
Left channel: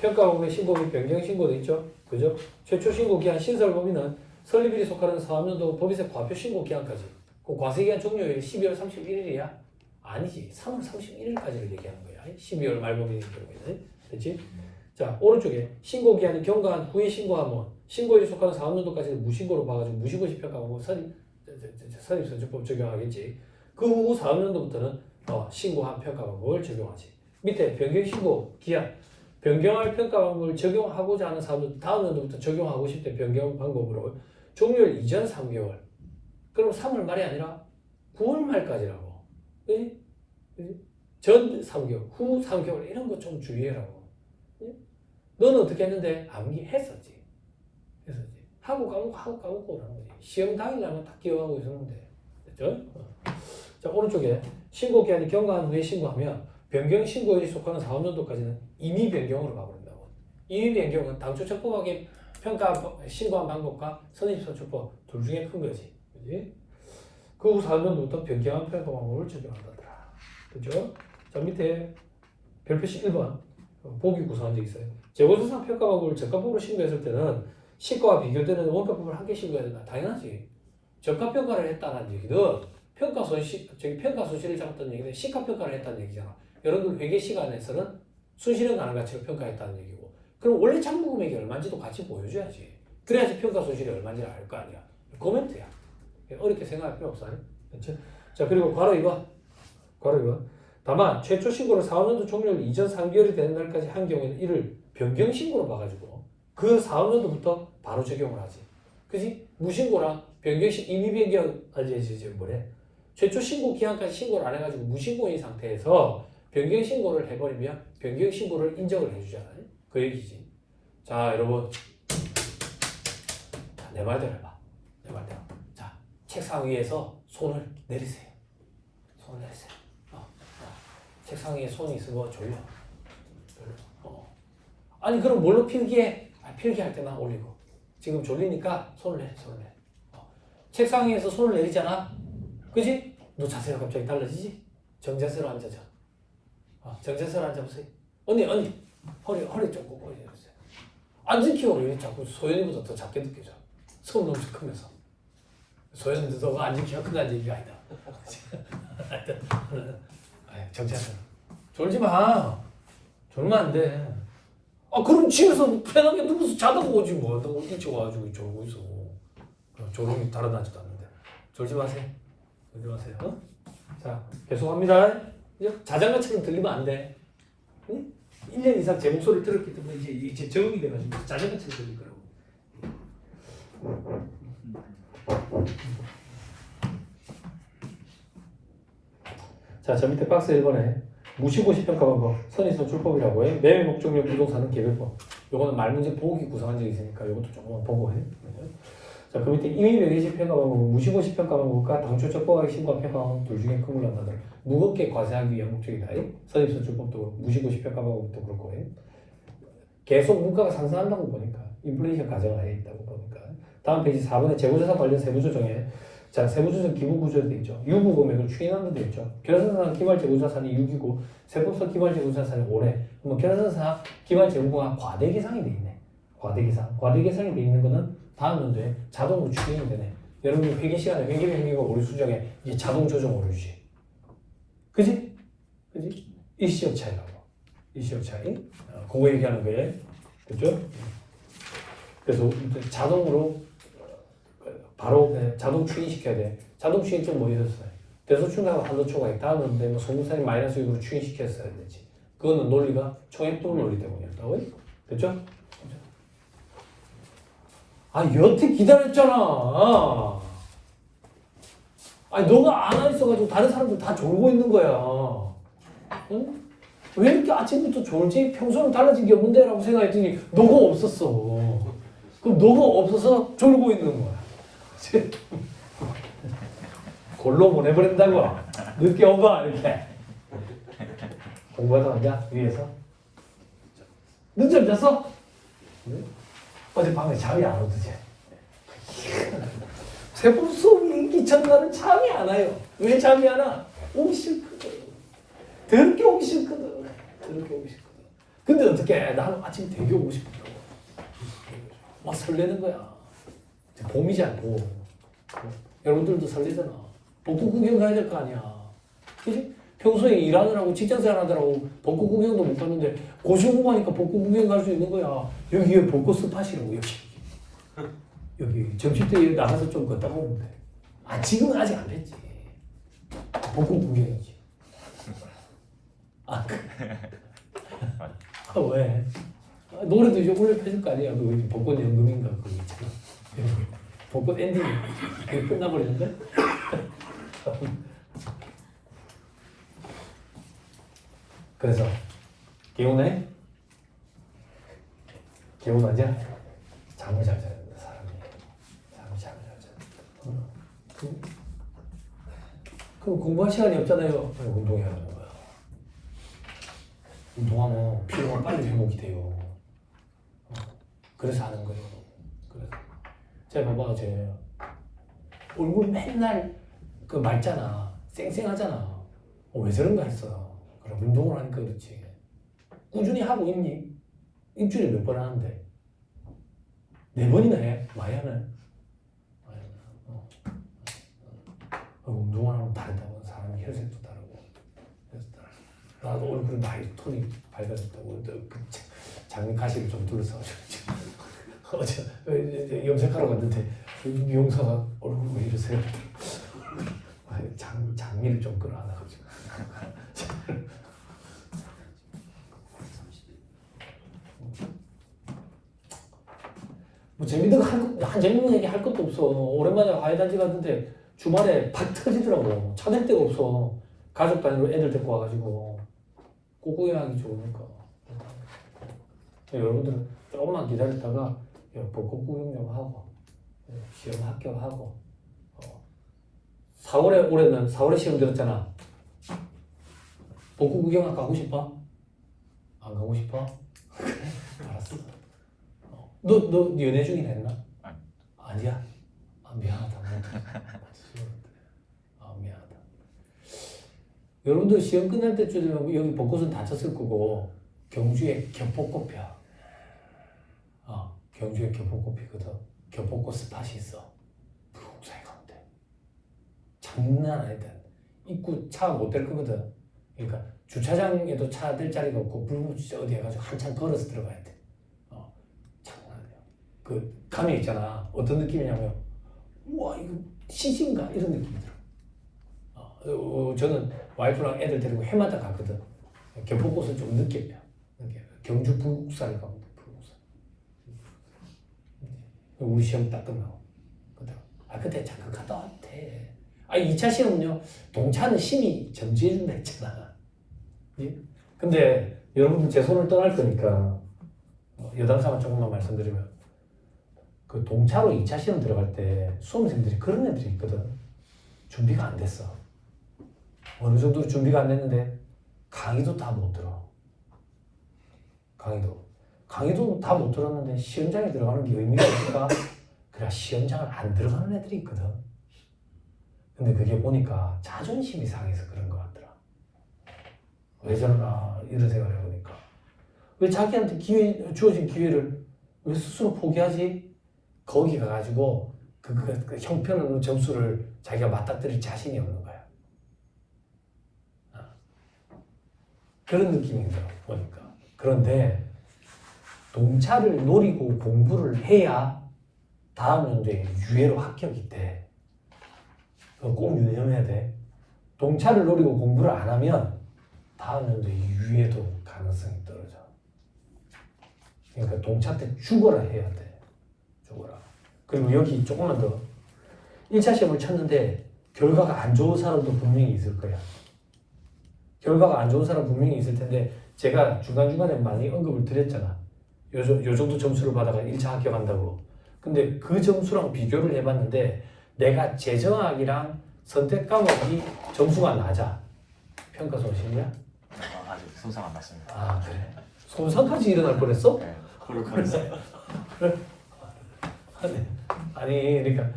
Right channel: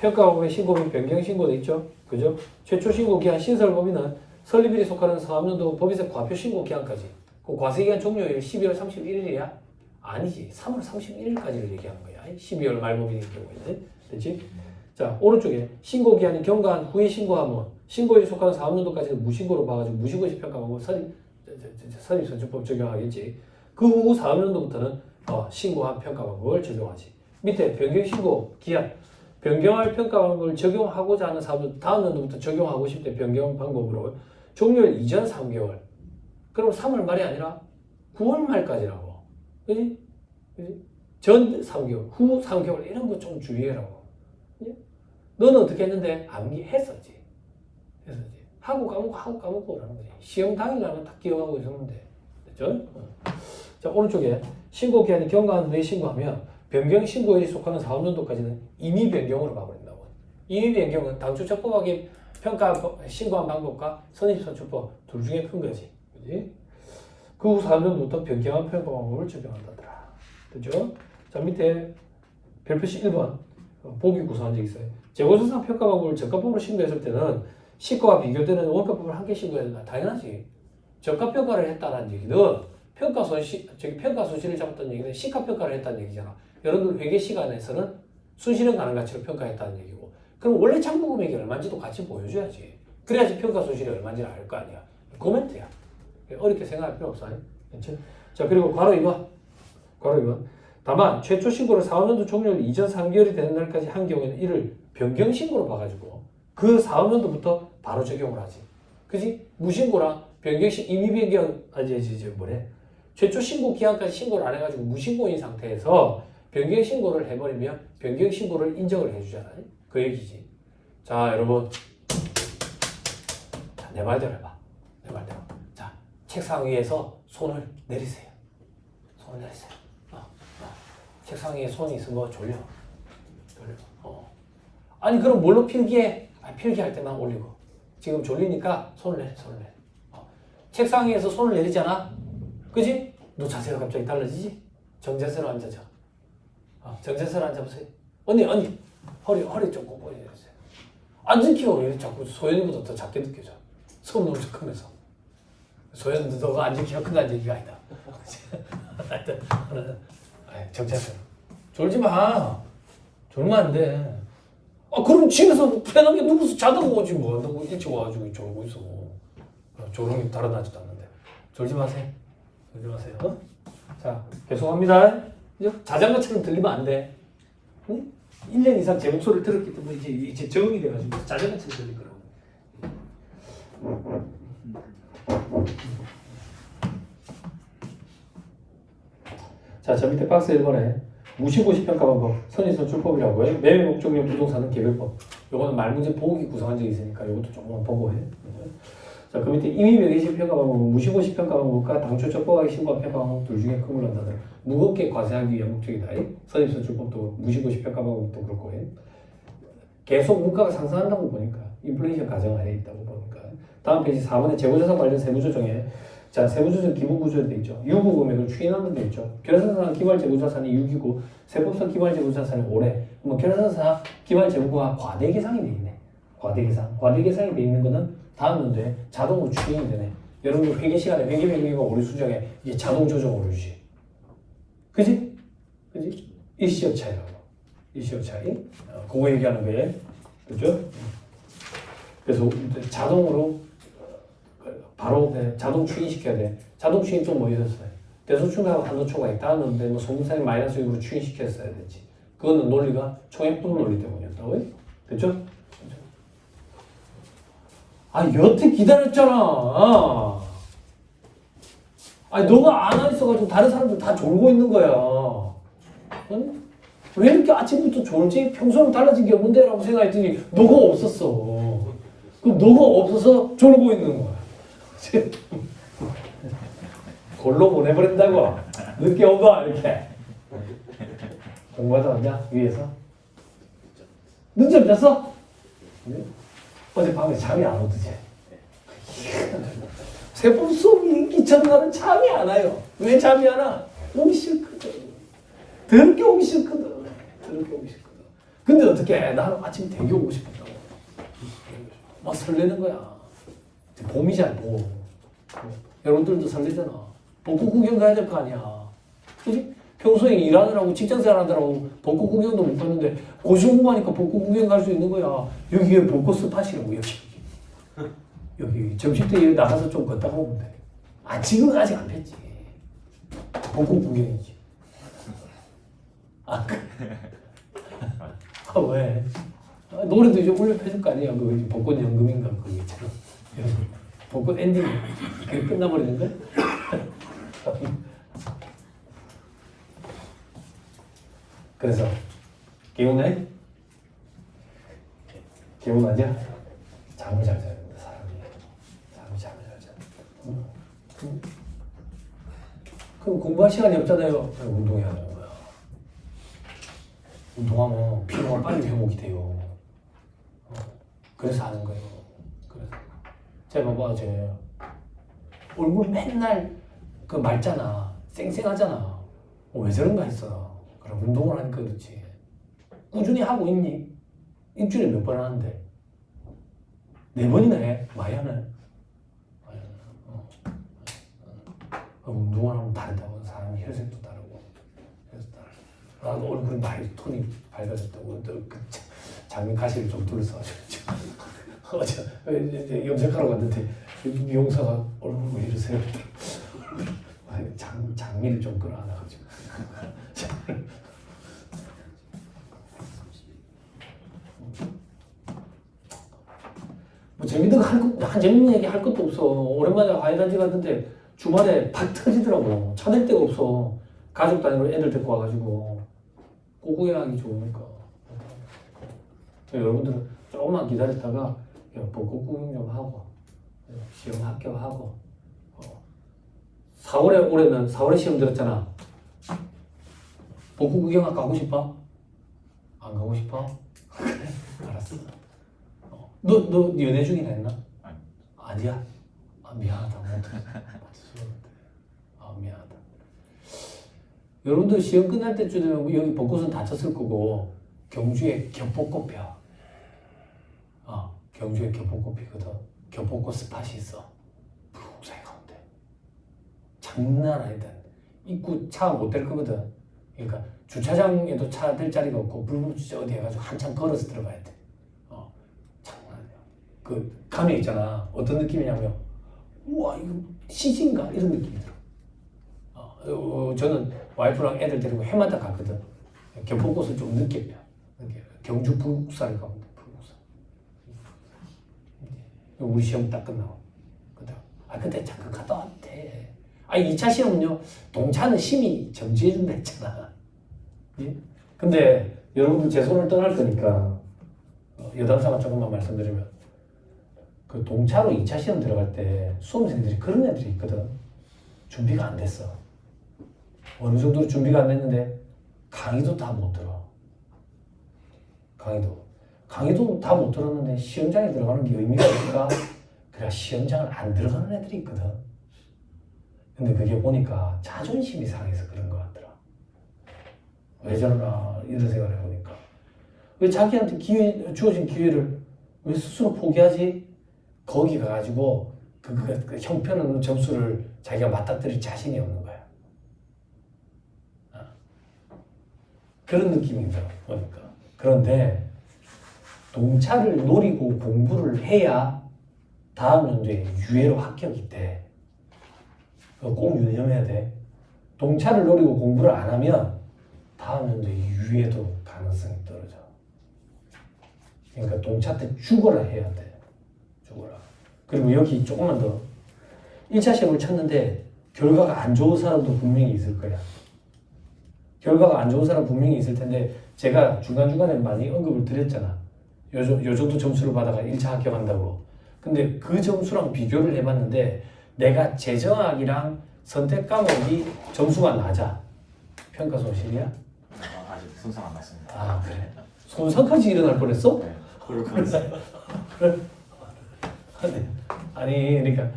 평가법의 신고범위 변경 신고도 있죠. 그죠? 최초 신고 기한 신설 범위는 설립일이 속하는 사업연도 법에서 과표 신고 기한까지. 그 과세기한 종료일 12월 31일이야? 아니지. 3월 31일까지를 얘기하는 거야. 12월 말법인 경우에는. 그렇지? 자, 오른쪽에 신고 기한이 경과한 후에 신고하면 신고일이 속하는 사업연도까지는 무신고로 봐가지고 무신고시 평가하고 선입선출법 적용하겠지. 그 후 사업연도부터는 신고한 평가 방법을 적용하지. 밑에 변경 신고 기한 변경할 평가 방법을 적용하고자 하는 사업은 다음 연도부터 적용하고 싶대. 변경 방법으로 종료일 이전 3개월. 그럼 3월 말이 아니라 9월 말까지라고. 그지? 전 3개월, 후 3개월 이런 거 좀 주의해라고. 너는 어떻게 했는데? 암기했었지. 하고 까먹고 그러는 거지. 시험 당일날만 딱 기억하고 있었는데. 됐죠? 자, 오른쪽에 신고 기한이 경과한 후에 신고하면 변경 신고에 속하는 사업연도까지는 임의 변경으로 봐버린다고. 임의 변경은 당초 적법하게 평가 신고한 방법과 선입선출법 둘 중에 큰 거지. 그지? 그 후 사업연도부터 변경한 평가 방법을 적용한다더라. 됐죠? 자, 밑에 별표시 1번 보기 구성한 적 있어요. 재고자산 평가 방법을 적합법으로 신고했을 때는 시가와 비교되는 원가법을 함께 신고해야 된다. 당연하지. 적합평가를 했다는 얘기는 평가 손실을 잡았다는 얘기는 시가평가를 했다는 얘기잖아. 여러분들 회계 시간에서는 순실현 가능 가치를 평가했다는 얘기고. 그럼 원래 장부 금액이 얼마인지도 같이 보여줘야지. 그래야지 평가 손실이 얼마인지를 알 거 아니야. 코멘트야. 어렵게 생각할 필요 없어요. 그렇죠? 자, 그리고 괄호 2번. 다만 최초 신고를 사업연도 종료일 이전 3개월이 되는 날까지 한 경우에는 이를 변경 신고로 봐가지고 그 사업연도부터 바로 적용을 하지. 그지? 무신고랑 변경시 임의 변경 최초 신고 기한까지 신고를 안 해가지고 무신고인 상태에서 변경 신고를 해버리면 변경 신고를 인정을 해주잖아요. 그 얘기지. 자, 여러분, 자, 내 말대로 해봐. 내 말대로. 자, 책상 위에서 손을 내리세요. 손을 내리세요. 책상 위에 손이 있으면 졸려. 아니 그럼 뭘로 필기해? 필기할 때만 올리고. 지금 졸리니까 손을 내려. 책상 위에서 손을 내리잖아. 그지? 너 자세가 갑자기 달라지지? 정자세로 앉아자. 정자세로 앉아보세요. 언니 허리 좀 꺾어야 돼요. 앉은 키가 왜 자꾸 소연이보다 더 작게 느껴져? 손 너무 크면서. 소연도 너가 앉은 키가 큰다는 얘기가 아니다. 하여튼 정자세로. 졸지 마. 졸면 안 돼. 그럼 집에서 편하게 누워서 자다가 오지 뭐. 너 일찍 와가지고 졸고 있어. 조롱이 달아나지도 않는데. 졸지 마세요. 자, 계속합니다. 자장가처럼 들리면 안 돼. 응? 1년 이상 제 목소리를 들었기 때문에 이제 적응이 돼가지고 자장가처럼 들릴 거라고. 자, 저 밑에 박스 1번에 무신고시 평가 방법, 선입선출법이라고 해요. 매매 목적용 부동산은 개별법. 요거는 말문제 보기 구성한 적이 있으니까 요것도 조금만 보고 해. 자, 그 밑에 임의 매개시 평가 방법은 무신고시 평가 방법과 당초 적법하게 신고한 평가 방법 둘 중에 구분한다더라. 무겁게 과세하기 위한 목적이다. 선입선출법도 무신고시 평가 방법도 그렇고 해. 계속 물가가 상승한다고 보니까 인플레이션 가정을 해 있다고 보니까. 다음 페이지 4번에 재고자산 관련 세부조정에 자, 세부조정 기본구조로 되어 있죠. 유무 금액을 추인하는 데 있죠. 결산상 기말 재고자산이 6이고 세법상 기말 재고자산이 5래. 그러면 결산상 기말 재고가 과대계상이 되어 있네. 과대계상이 되어 있는 거는 다음 연도에 자동으로 추인이 되네. 여러분들 회계 시간에 회계 명기가 오류 수정에 이제 자동 조정 오류지. 그지? 일시적 차이라고. 일시적 차이. 그거 얘기하는 게 그죠? 그래서 자동으로 바로 자동 추인시켜야 돼. 자동 추인 좀 뭐 이랬어요. 대소충하고 한도초가 있다는데 뭐 소문산이 마이너스 6으로 추인시켰어야 되지. 그거는 논리가 총액분 논리 때문이었다고요? 됐죠? 여태 기다렸잖아. 너가 안 있어가지고 다른 사람들 다 졸고 있는 거야. 응? 왜 이렇게 아침부터 졸지? 평소랑 달라진 게 없는데? 라고 생각했더니 너가 없었어. 그럼 너가 없어서 졸고 있는 거야. 골로 보내버린다고. 늦게 오봐 이렇게. 공부하다 왔냐? 위에서? 늦잠 잤어? 네? 어젯밤에 잠이 안 오더지. 세법 수업 인기 전날은 잠이 안 와요. 왜 잠이 안 와? 오기 싫거든. 더럽게 오기 싫거든. 근데 어떻게 나는 아침 되게 오고 싶었다고. 막 설레는 거야. 이제 봄이잖아, 봄. 여러분들도 설레잖아. 벚꽃 구경 가야 될 거 아니야. 그지? 평소에 일하느라고 직장생활 하느라고 벚꽃 구경도 못 갔는데 고시공부하니까 벚꽃 구경 갈 수 있는 거야. 여기에 벚꽃 스팟이라고 여기 점심때 나가서 좀 걷다가 오면 돼. 아 지금은 아직 안 폈지. 벚꽃 구경이지. 아 그래. 아 왜? 아, 노래도 이제 올려 펴줄 거 아니야. 그 벚꽃 연금인가 그거 있잖아. 벚꽃 엔딩 그게 끝나버리는데. 그래서 개운해? 개운하냐? 잠을 잘 자야 된다 사람이. 잠을 잘 자야 돼. 그럼 공부할 시간이 없잖아요. 그럼 운동해야 하는 거야. 운동하면 피로가 빨리 회복이 돼요. 그래서 하는 거예요. 그래서 자 봐봐 쟤 얼굴 맨날 그 맑잖아. 쌩쌩하잖아. 왜 저런가 했어. 그럼 운동을 하니까 그렇지. 꾸준히 하고 있니? 일주일에 몇 번 하는데? 4번이나 해? 많이 하네. 운동을 하면 다르다고. 사람이 혈색도 다르고. 나도 얼굴이 많이 톤이 밝아졌다고. 그 작은 가시를 좀 둘러서 어제 염색하러 갔는데 미용사가 얼굴 왜 이러세요? 장미를 좀 끌어안아가지고. 뭐 재밌는 한 재밌는 얘기 할 것도 없어. 오랜만에 과외단지 갔는데 주말에 팍 터지더라고. 찾을 데가 없어. 가족 단위로 애들 데리고 와가지고 꼬구이하기 좋으니까. 여러분들은 조금만 기다렸다가 벚꽃 구경 좀 하고 시험 합격하고 4월에 올해는 4월에 시험 들었잖아. 벚꽃 구경 가고 싶어? 안 가고 싶어? 그래 알았어. 너 연애 중이나 했나? 아니야? 아 미안하다. 아 미안하다. 여러분들 시험 끝날 때쯤 되면 여기 벚꽃은 다 졌을 거고 경주에 겹벚꽃 펴. 경주에 겹벚꽃 피거든. 겹벚꽃 스팟이 있어. 푸르살 가운데. 장난 아니다. 입구 차 못 댈 거거든. 그러니까 주차장에도 차 댈 자리가 없고 불붙이 어디 해가지고 한참 걸어서 들어가야 돼. 장난 아니야. 그 감에 있잖아. 어떤 느낌이냐면 우와 이거 CG인가? 이런 느낌이 들어. 저는 와이프랑 애들 데리고 해마다 갔거든. 겹벚꽃을 좀 늦게 펴. 경주 불국사를 가면 불국사. 우리 시험 딱 끝나고. 그때 잠깐 갔다 왔대. 아니 2차 시험은요. 동차는 심의 정지해준다 했잖아. 예? 근데 여러분들 제 손을 떠날 거니까 여담사가 조금만 말씀드리면 그 동차로 2차 시험 들어갈 때 수험생들이 그런 애들이 있거든. 준비가 안 됐어. 어느 정도로 준비가 안 됐는데 강의도 다 못 들어. 강의도 다 못 들었는데 시험장에 들어가는 게 의미가 있을까? 그래 시험장을 안 들어가는 애들이 있거든. 근데 그게 보니까 자존심이 상해서 그런 것 같더라. 왜 저러나 이런 생각을 해보니까 왜 자기한테 주어진 기회를 왜 스스로 포기하지? 거기 가가지고 그 형편없는 점수를 자기가 맞닥뜨릴 자신이 없는 거야. 그런 느낌이 들어 보니까. 그런데 동차를 노리고 공부를 해야 다음 연도에 유예로 합격이 돼. 그거 꼭 유념해야 돼. 동차를 노리고 공부를 안 하면 다음 연도에 유예도 가능성이 떨어져. 그러니까 동차 때 죽어라 해야 돼. 죽어라. 그리고 여기 조금만 더 1차 시험을 쳤는데 결과가 안 좋은 사람도 분명히 있을 거야. 결과가 안 좋은 사람 분명히 있을 텐데 제가 중간중간에 많이 언급을 드렸잖아. 요 정도 점수를 받아가 1차 합격한다고. 근데 그 점수랑 비교를 해봤는데 내가 재정학이랑 선택 과목이 점수가 낮아. 평가 손실이야? 아직 손상 안 왔습니다. 아 그래? 손상까지 일어날 뻔했어? 네, 그럴 뻔했어요. 아니 그러니까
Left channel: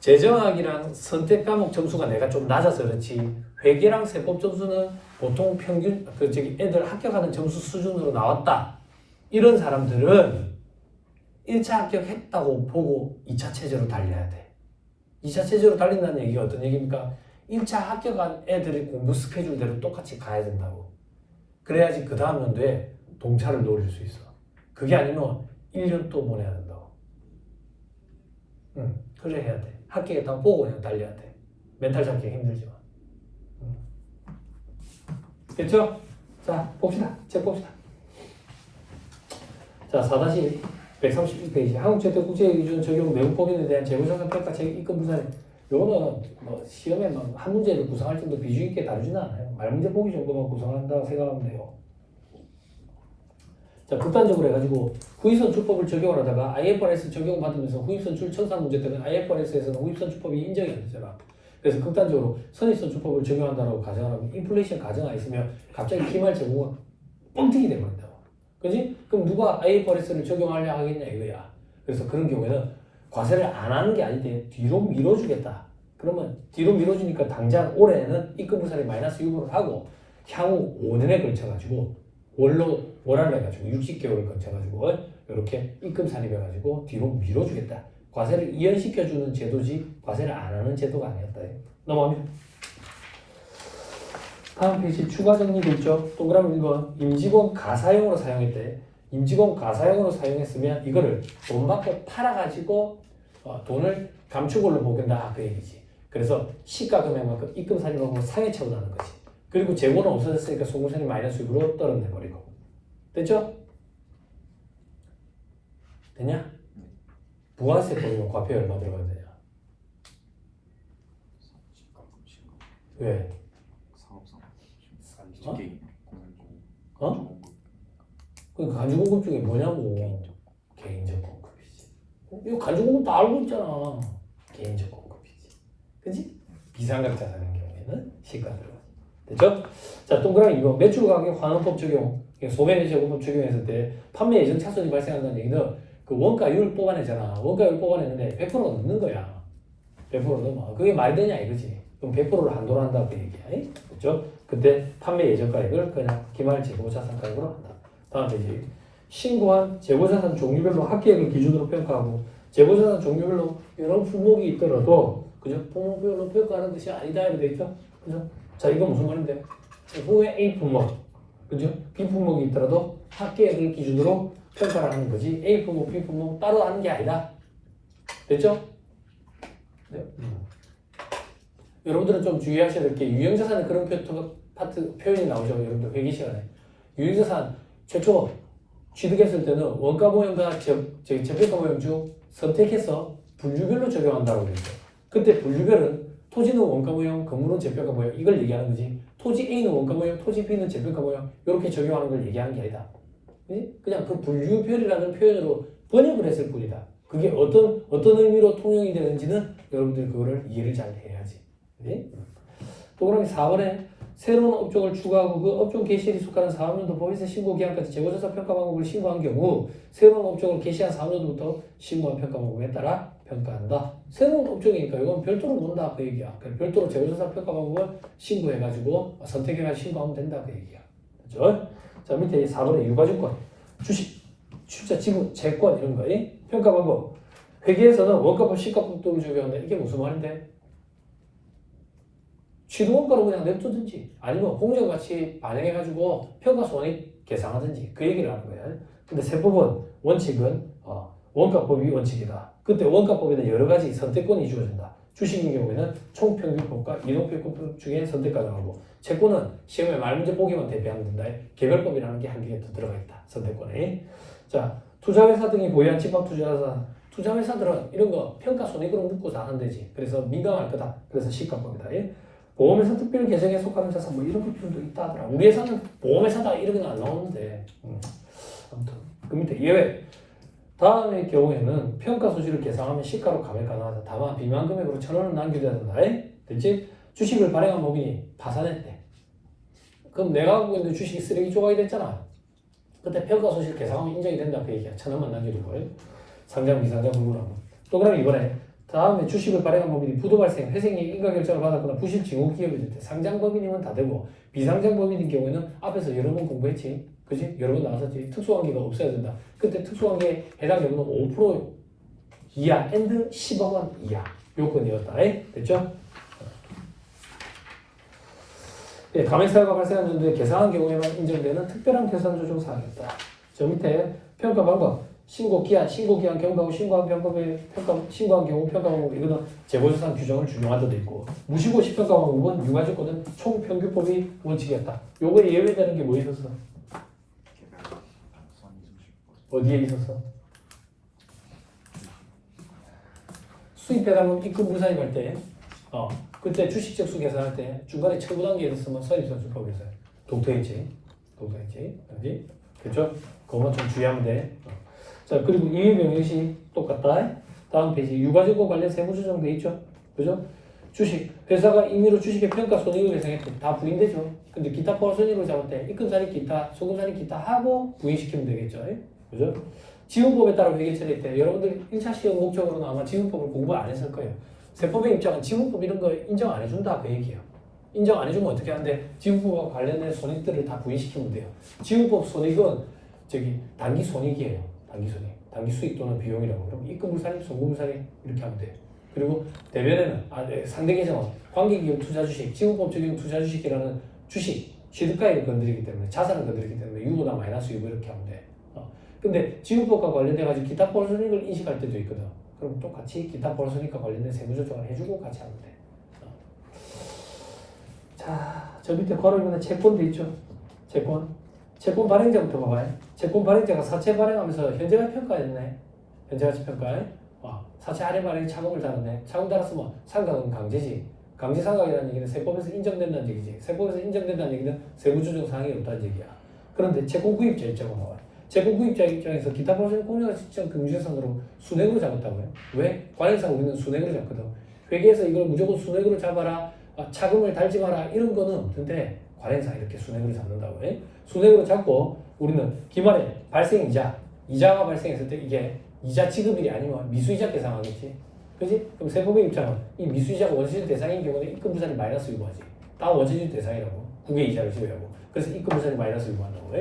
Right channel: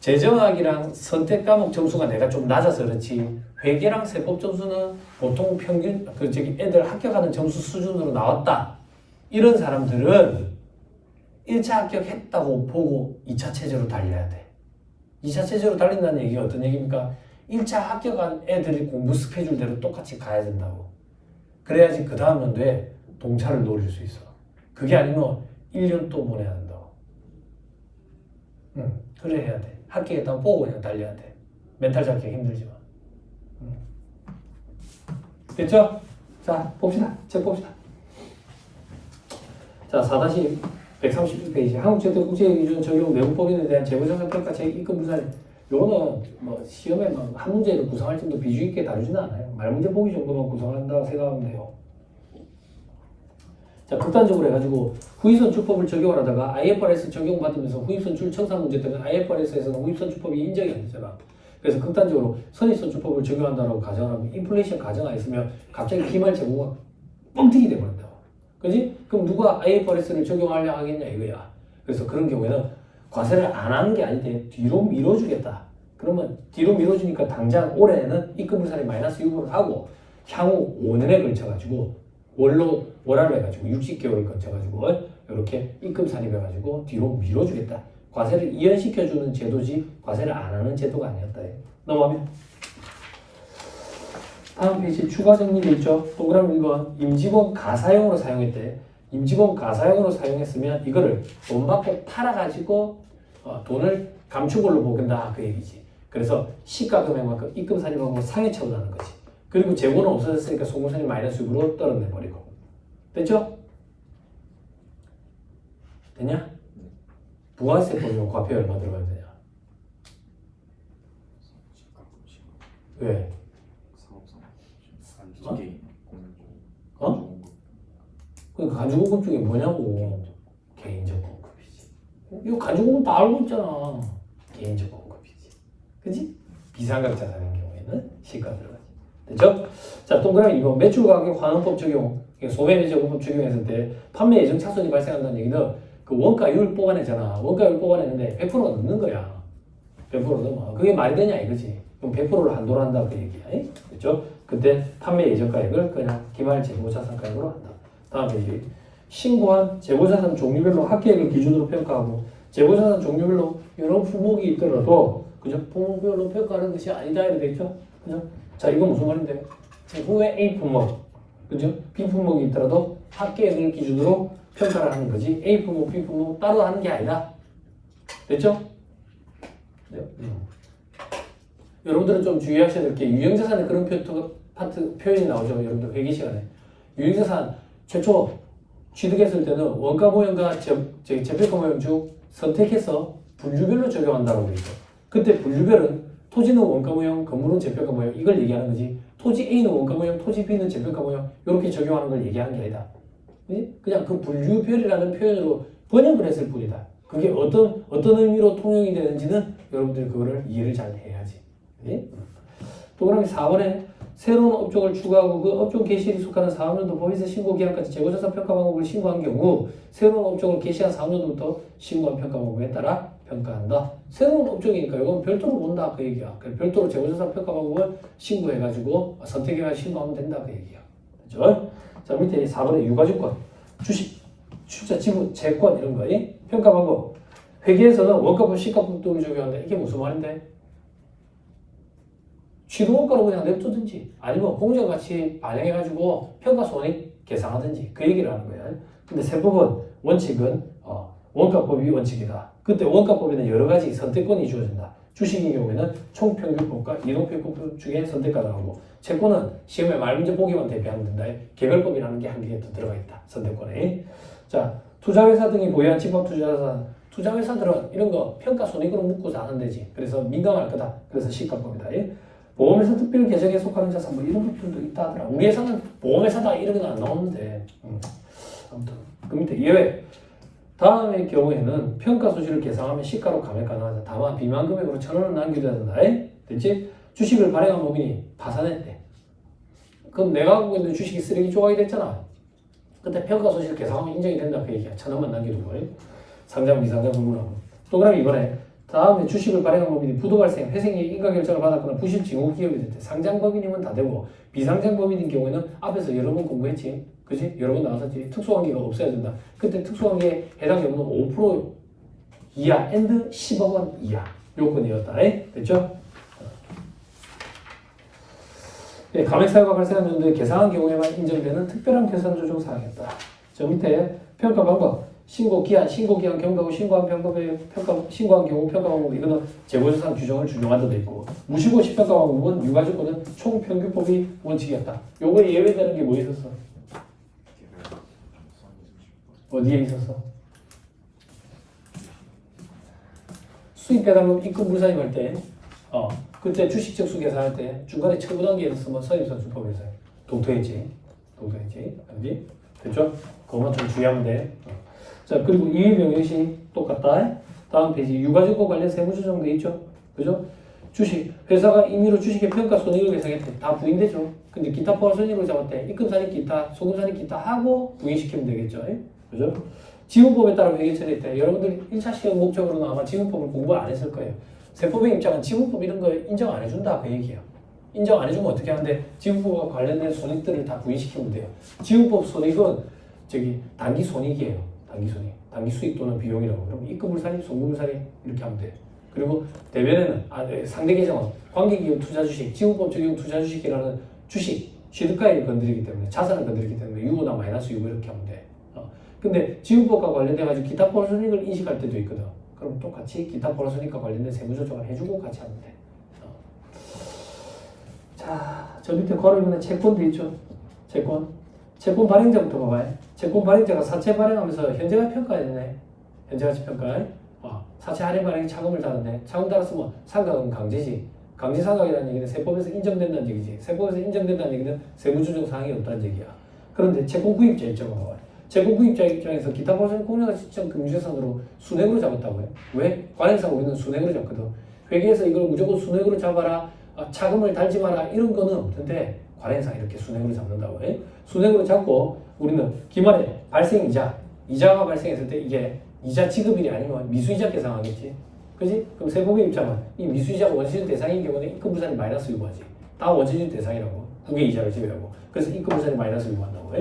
재정학이랑 선택 과목 점수가 내가 좀 낮아서 그렇지 회계랑 세법 점수는 보통 평균 애들 합격하는 점수 수준으로 나왔다. 이런 사람들은 1차 합격했다고 보고 2차 체제로 달려야 돼. 2차 체제로 달린다는 얘기가 어떤 얘기입니까? 1차 합격한 애들이 공부 스케줄대로 똑같이 가야 된다고. 그래야지 그 다음 연도에 동차를 노릴 수 있어. 그게 아니면 1년 또 보내야 된다고. 그래 해야 돼. 합격했다고 보고 그냥 달려야 돼. 멘탈 잡기 힘들지만. 됐죠? 자, 봅시다. 책 봅시다. 자, 4-132페이지. 한국제도국제기준 적용 내용법인에 대한 재고자산평가 책 입금 부산. 요거는 뭐 시험에 한 문제를 구성할 정도 비중 있게 다루지는 않아요. 말문제 보기 정도만 구성한다고 생각하면 돼요. 자, 극단적으로 해가지고 후입선출법을 적용을 하다가 IFRS 적용받으면서 후입선출 청산 문제 때문에 IFRS에서는 후입선출법이 인정이 안 되잖아. 그래서 극단적으로 선입선출법을 적용한다고 가정하면 인플레이션 가정하에 있으면 갑자기 기말 재고가 뻥튀기 돼버린다. 그지? 그럼 누가 IFRS를 적용하려고 하겠냐 이거야. 그래서 그런 경우에는 과세를 안 하는 게 아닌데 뒤로 밀어주겠다. 그러면 뒤로 밀어주니까 당장 올해는 입금불산이 마이너스 6을 하고 향후 5년에 걸쳐가지고 월화를 해가지고 60개월을 걸쳐가지고 이렇게 입금 산입해가지고 뒤로 밀어주겠다. 과세를 이연시켜주는 제도지 과세를 안 하는 제도가 아니었다. 넘어가면 다음 페이지 추가 정리 있죠. 동그라미 1번 임직원 가사용으로 사용했대. 임직원 가사용으로 사용했으면 이거를 돈 받고 팔아가지고 돈을 감축으로 보긴다 그 얘기지. 그래서 시가 금액만큼 입금 산입하고 상해 처분하는 거지. 그리고 재고는 없어졌으니까 소금산이 마이너스 6으로 떨어내버리고. 됐죠? 되냐? 부가세 보면 과표에 얼마 들어가야 되냐? 왜? 그 간주공급 중에 뭐냐고. 개인적 공급이지. 이거 간주공급 다 알고 있잖아. 개인적 공급이지. 그치? 비상각자 사는 경우에는 시가 들어가지. 됐죠? 자, 동그라미 2번 매출가격 환원법 적용. 소매제공법 적용했을 때 판매 예정 차손이 발생한다는 얘기는 그 원가율 뽑아내잖아. 원가율 뽑아내는데 100%가 넘는 거야. 100% 넘어. 그게 말이 되냐 이거지. 그럼 100%를 한도로 한다 그 얘기야. 그렇죠? 그때 판매 예정가액을 그냥 기말 재고자산가액으로 한다. 다음 페이지. 신고한 재고자산 종류별로 합계액을 기준으로 평가하고 재고자산 종류별로 여러 품목이 있더라도 그죠? 품목별로 평가하는 것이 아니다 이렇게 됐죠? 그죠? 자, 이거 무슨 말인데? 후에 A 품목, 그죠? B 품목이 있더라도 합계액을 기준으로 평가를 하는 거지. A 품목, B 품목 따로 하는 게 아니다. 됐죠? 네. 여러분들은 좀 주의하셔야 될 게 유형자산의 그런 표현이 나오죠. 여러분들 회계 시간에. 유형자산 최초 취득했을 때는 원가 모형과 재평가 모형 중 선택해서 분류별로 적용한다고 그랬죠. 그때 분류별은 토지는 원가 모형, 건물은 재평가 모형 이걸 얘기하는 거지. 토지 A는 원가 모형, 토지 B는 재평가 모형 이렇게 적용하는 걸 얘기하는 게 아니다. 그냥 그 분류별이라는 표현으로 번역을 했을 뿐이다. 그게 어떤 의미로 통용이 되는지는 여러분들이 그거를 이해를 잘 해야지. 동그라미 4번에 새로운 업종을 추가하고 그 업종 개시에 속하는 사업년도 법에서 신고 기한까지 재고자산 평가 방법을 신고한 경우 새로운 업종을 개시한 사업년도부터 신고한 평가 방법에 따라 평가한다. 새로운 업종이니까 이건 별도로 본다 그 얘기야. 별도로 재고자산 평가 방법을 신고해가지고 선택해가지고 신고하면 된다 그 얘기야. 그렇죠? 자, 밑에 4번에 유가증권, 주식, 출자, 지분, 채권 이런 거 평가 방법. 회계에서는 원가법, 시가법 등을 적용한다. 이게 무슨 말인데? 취득원가로 그냥 냅두든지 아니면 공정가치 반영해가지고 평가손익 계산하든지 그 얘기를 하는 거예요. 근데 세법은 원칙은 원가법이 원칙이다. 그때 원가법에는 여러 가지 선택권이 주어진다. 주식의 경우에는 총평균법과 이동평균법 중에 선택 가능하고 채권은 시험에 말문제 보기만 대비하면 된다. 개별법이라는 게 한 개 더 들어가 있다. 선택권에. 자, 투자회사 등이 보유한 지방투자자산 투자회사들은 이런 거 평가손익으로 묶고서 하는 되지. 그래서 민감할 거다. 그래서 시가법이다. 보험회사 특별 계정에 속하는 자산 뭐 이런 부분도 있다 하더라. 우리 회사는 보험회사다 이런 건 안 나오는데 아무튼 그 밑에 예외 다음의 경우에는 평가 수지를 계산하면 시가로 감액 가능하다. 다만 비만 금액으로 1,000원을 남겨줘야 된다. 됐지? 주식을 발행한 법인이 파산했대. 그럼 내가 갖고 있는 주식이 쓰레기 조각이 됐잖아. 그때 평가 수지를 계산하면 인정이 된다 그 얘기야. 1,000원만 남겨주고 상장 비상장 분분하고 또 그럼 이번에 다음에 주식을 발행한 법인이 부도 발생, 회생이 인가결제를 받았거나 부실 징후 기업이 될 때 상장 법인이면 다 되고 비상장 법인인 경우에는 앞에서 여러 번 공부했지, 그지? 여러 번 나왔었지. 특수관계가 없어야 된다. 그때 특수관계에 해당 여부는 5% 이하 and 10억 원 이하 요건이었다. 됐죠? 예, 감액사유가 발생한 연도에 계상한 경우에만 인정되는 특별한 계산 조정 사항이었다. 저 밑에 평가 방법, 신고 기한, 경과후 신고한 방법에 신고한 경우 평가 방법 이거는 재고조사 규정을 준용하도 돼 있고 무신고시 평가 방법은 유가조건은 총평균법이 원칙이었다. 요거 예외되는 게 뭐 있었어? 어디에 있었어? 수입배당금 입금 불산입할 때, 그때 주식 적수 계산할 때 중간에 최고 단계에 있으면 선입선출법에서 동토했지, 알지? 됐죠? 그것만 좀 주의하면 돼. 자, 그리고 이해 명령시 똑같다. 다음 페이지 유가증권 관련 세부 조정돼 있죠, 그죠? 주식 회사가 임의로 주식의 평가 손익을 계산했을 때 다 부인되죠. 근데 기타 포괄 손익을 잡을 때 입금산이 기타, 소금산이 기타 하고 부인시키면 되겠죠, 그죠? 지분법에 따라 회계 처리할 때 여러분들 1차 시험 목적으로는 아마 지분법을 공부 안 했을 거예요. 세법의 입장은 지분법 이런 거 인정 안 해준다 그 얘기예요. 인정 안 해주면 어떻게 하는데 지분법과 관련된 손익들을 다 부인시키면 돼요. 지분법 손익은 단기 손익이에요. 단기 수익 또는 비용이라고. 그럼 입금불산이, 송금불산이 이렇게 하면 돼. 그리고 대변에는 상대 계정은 관계기업 투자주식, 지분법 적용 투자주식이라는 주식, 취득가액을 건드리기 때문에 자산을 건드리기 때문에 유보나 마이너스 유보 이렇게 하면 돼. 근데 지분법과 관련돼 가지고 기타 포괄 손익을 인식할 때도 있거든. 그럼 똑같이 기타 포괄 손익과 관련된 세부 조정을 해주고 같이 하면 돼. 자, 저 밑에 걸어있는 채권도 있죠. 채권 발행자부터 봐봐요. 채권 발행자가 사채 발행하면서 현재가 평가했네. 현재가치 평가. 사채 할인 발행에 차금을 달았네. 차금 달았으면 상각은 강제지. 강제 상각이라는 얘기는 세법에서 인정된다는 얘기지. 세법에서 인정된다는 얘기는 세부 조정 사항이 없다는 얘기야. 그런데 채권 구입자 입장으로 봐봐요. 채권 구입자 입장에서 기타 포괄 공유가 시점 금융재산으로 순액으로 잡았다고요. 왜? 관행상 우리는 순액으로 잡거든. 회계에서 이걸 무조건 순액으로 잡아라, 차금을 달지 마라 이런 거는 없는데 관행상 이렇게 순액으로 잡는다고. 순액으로 잡고 우리는 기말에 이자가 발생했을 때 이게 이자 지급일이 아니면 미수이자 계산하겠지. 그지? 그럼 세법의 입장은 이 미수이자가 원시적 대상인 경우는 입금불산이 마이너스 유보하지. 다 원시적 대상이라고. 그게 이자를 지급하고. 그래서 입금불산이 마이너스 유보한다고.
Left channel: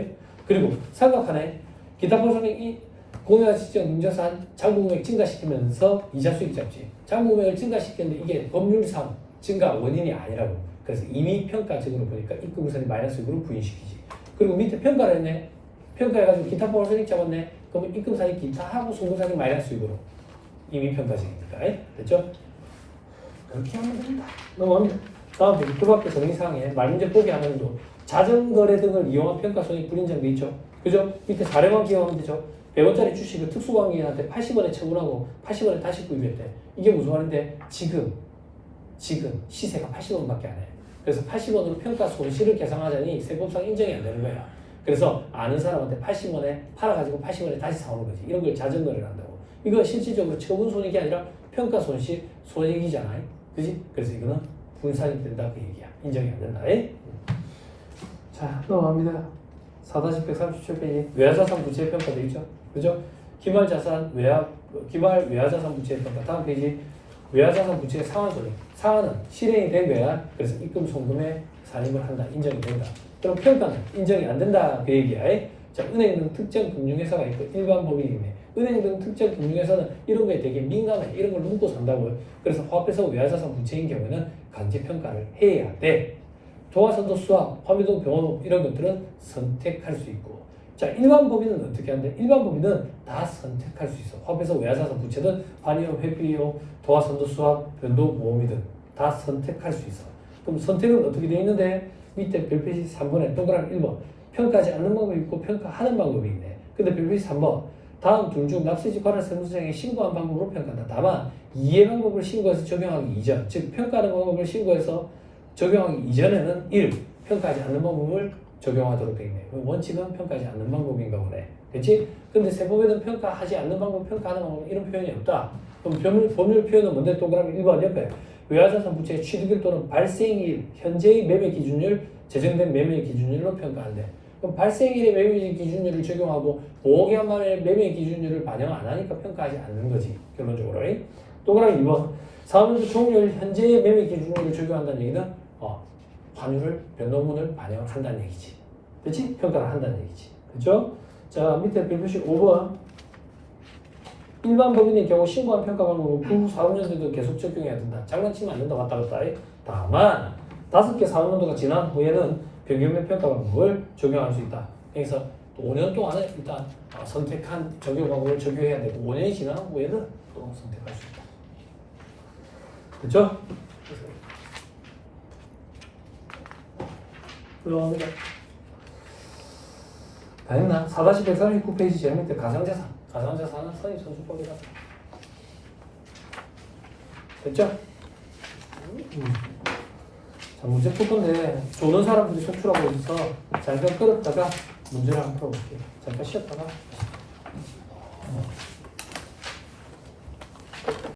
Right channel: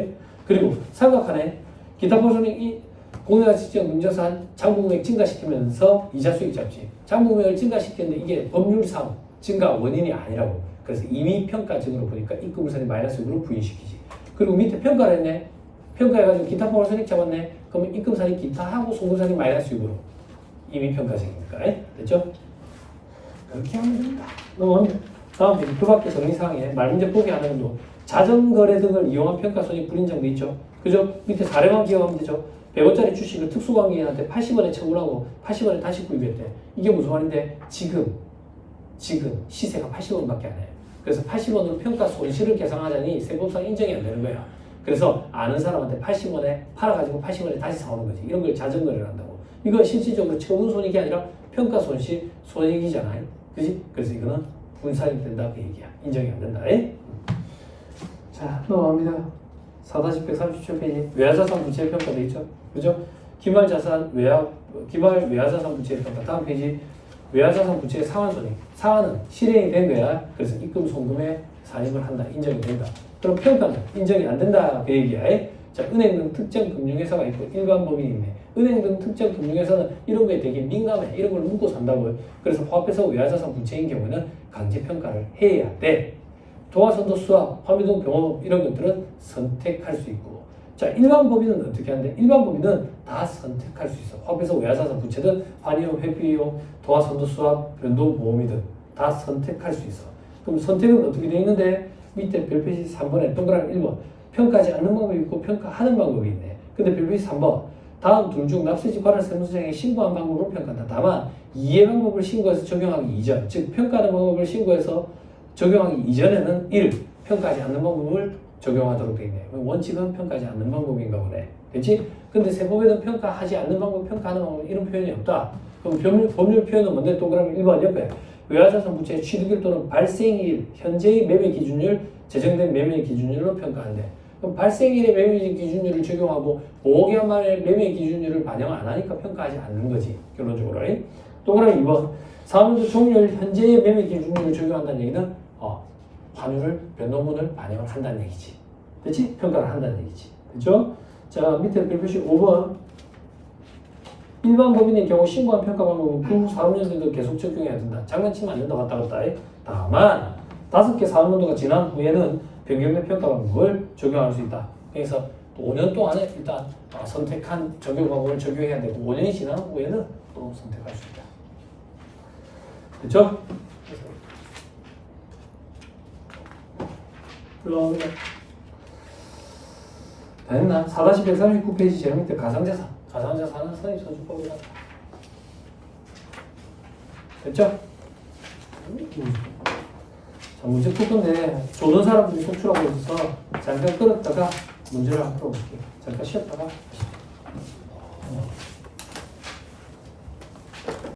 그리고 삼각하네. 기타 포괄손익이 공유가치적 능자산 장부금액 증가시키면서 이자 수익 잡지. 장부금액을 증가시켰는데 이게 법률상 증가 원인이 아니라고. 그래서 이미 평가적으로 보니까 입금불산이 마이너스 유보로 부인시키지. 그리고 밑에 평가를 했네. 평가해가지고 기타 포괄손익 잡았네. 그러면 입금산이 기타하고 송금산이 마이너스 유보로 이미 평가적이니까. 됐죠? 그렇게 하면 된다. 다음 그 밖에 정리사항에 말문제 포기 안 하는 거. 자전거래 등을 이용한 평가손익 불인정돼 있죠. 그죠? 밑에 사례만 기억하면 되죠. 100원짜리 주식을 특수관계인한테 80원에 처분하고 80원에 다시 구입했대. 이게 무슨 말인데 지금 시세가 80원밖에 안 해요. 그래서 80원으로 평가 손실을 계산하자니 세법상 인정이 안 되는 거야. 그래서 아는 사람한테 80원에 팔아가지고 80원에 다시 사오는 거지. 이런 걸 자전거래를 한다고. 이건 실질적으로 처분 손익이 아니라 평가 손익이잖아요. 그지? 그래서 이거는 분산이 된다 그 얘기야. 인정이 안 된다. 자, 넘어갑니다. 4-137페이지 외화자산 부채의 평가 되겠죠? 그죠? 기말 외화자산 부채의 평가. 다음 페이지 외화자산 부채의 상환손익. 상환은 실행이 된 외화, 그래서 입금 송금에 산입을 한다. 인정이 된다. 그럼 평가는 인정이 안 된다 그 얘기야. 자, 은행 등 특정 금융회사가 있고 일반 법인이 있네. 은행 등 특정 금융회사는 이런 거에 되게 민감해. 이런 걸 묻고 산다고요. 그래서 화합해서 외화자산 부채인 경우는 강제 평가를 해야 돼. 도화선도 수학, 화미동 병원업 이런 것들은 선택할 수 있고. 자, 일반 법인은 어떻게 하는데? 일반 법인은 다 선택할 수 있어. 화합해서 외화자산 부채든 환이용, 회피용, 도화선도 수학, 변동보험이든 다 선택할 수 있어. 그럼 선택은 어떻게 되어 있는데? 밑에 별표시 3번에 동그라미 1번 평가하지 않는 방법이 있고 평가하는 방법이 있네. 근데 별표시 3번 다음 둘 중 납세지 관할 세무서장에 신고한 방법으로 평가한다. 다만 이해 방법을 신고해서 적용하기 이전, 즉 평가하는 방법을 신고해서 적용하기 이전에는 1. 평가하지 않는 방법을 적용하도록 되어 있네. 원칙은 평가하지 않는 방법인가 보네. 그렇지? 근데 세법에는 평가하지 않는 방법, 평가하는 방법 이런 표현이 없다. 그럼 법률 표현은 뭔데? 동그라미 1번 옆에 외화자산 부채의 취득일 또는 발생일, 현재의 매매 기준율, 제정된 매매 기준율로 평가하는데 그럼 발생일의 매매 기준율을 적용하고 5개월 만에 매매 기준율을 반영 안 하니까 평가하지 않는 거지. 결론적으로. 동그라미 2번. 사업연수 종료일 현재의 매매 기준율을 적용한다는 얘기는 환율을 변동분을 반영한다는 얘기지. 그렇지? 평가를 한다는 얘기지. 그렇죠? 자, 밑에 biểu 표시 5번. 일반 법인의 경우 신고한 평가 방법은 그 후 4년들도 계속 적용해야 된다. 장난치면 안 된다. 왔다 갔다. 다만 5개 사업연도가 지난 후에는 변경된 평가 방법을 적용할 수 있다. 그래서 5년 동안은 일단 선택한 적용 방법을 적용해야 되고 5년이 지난 후에는 또 선택할 수 있다. 그렇죠? 다 했나? 4-139페이지 제일 밑에 가상자산. 가상자산은 선입선출법이다. 됐죠? 자, 문제 풀 건데 조던 사람들이 속출하고 있어서 잠깐 끌었다가 문제를 한번 풀어볼게요. 잠깐 쉬었다가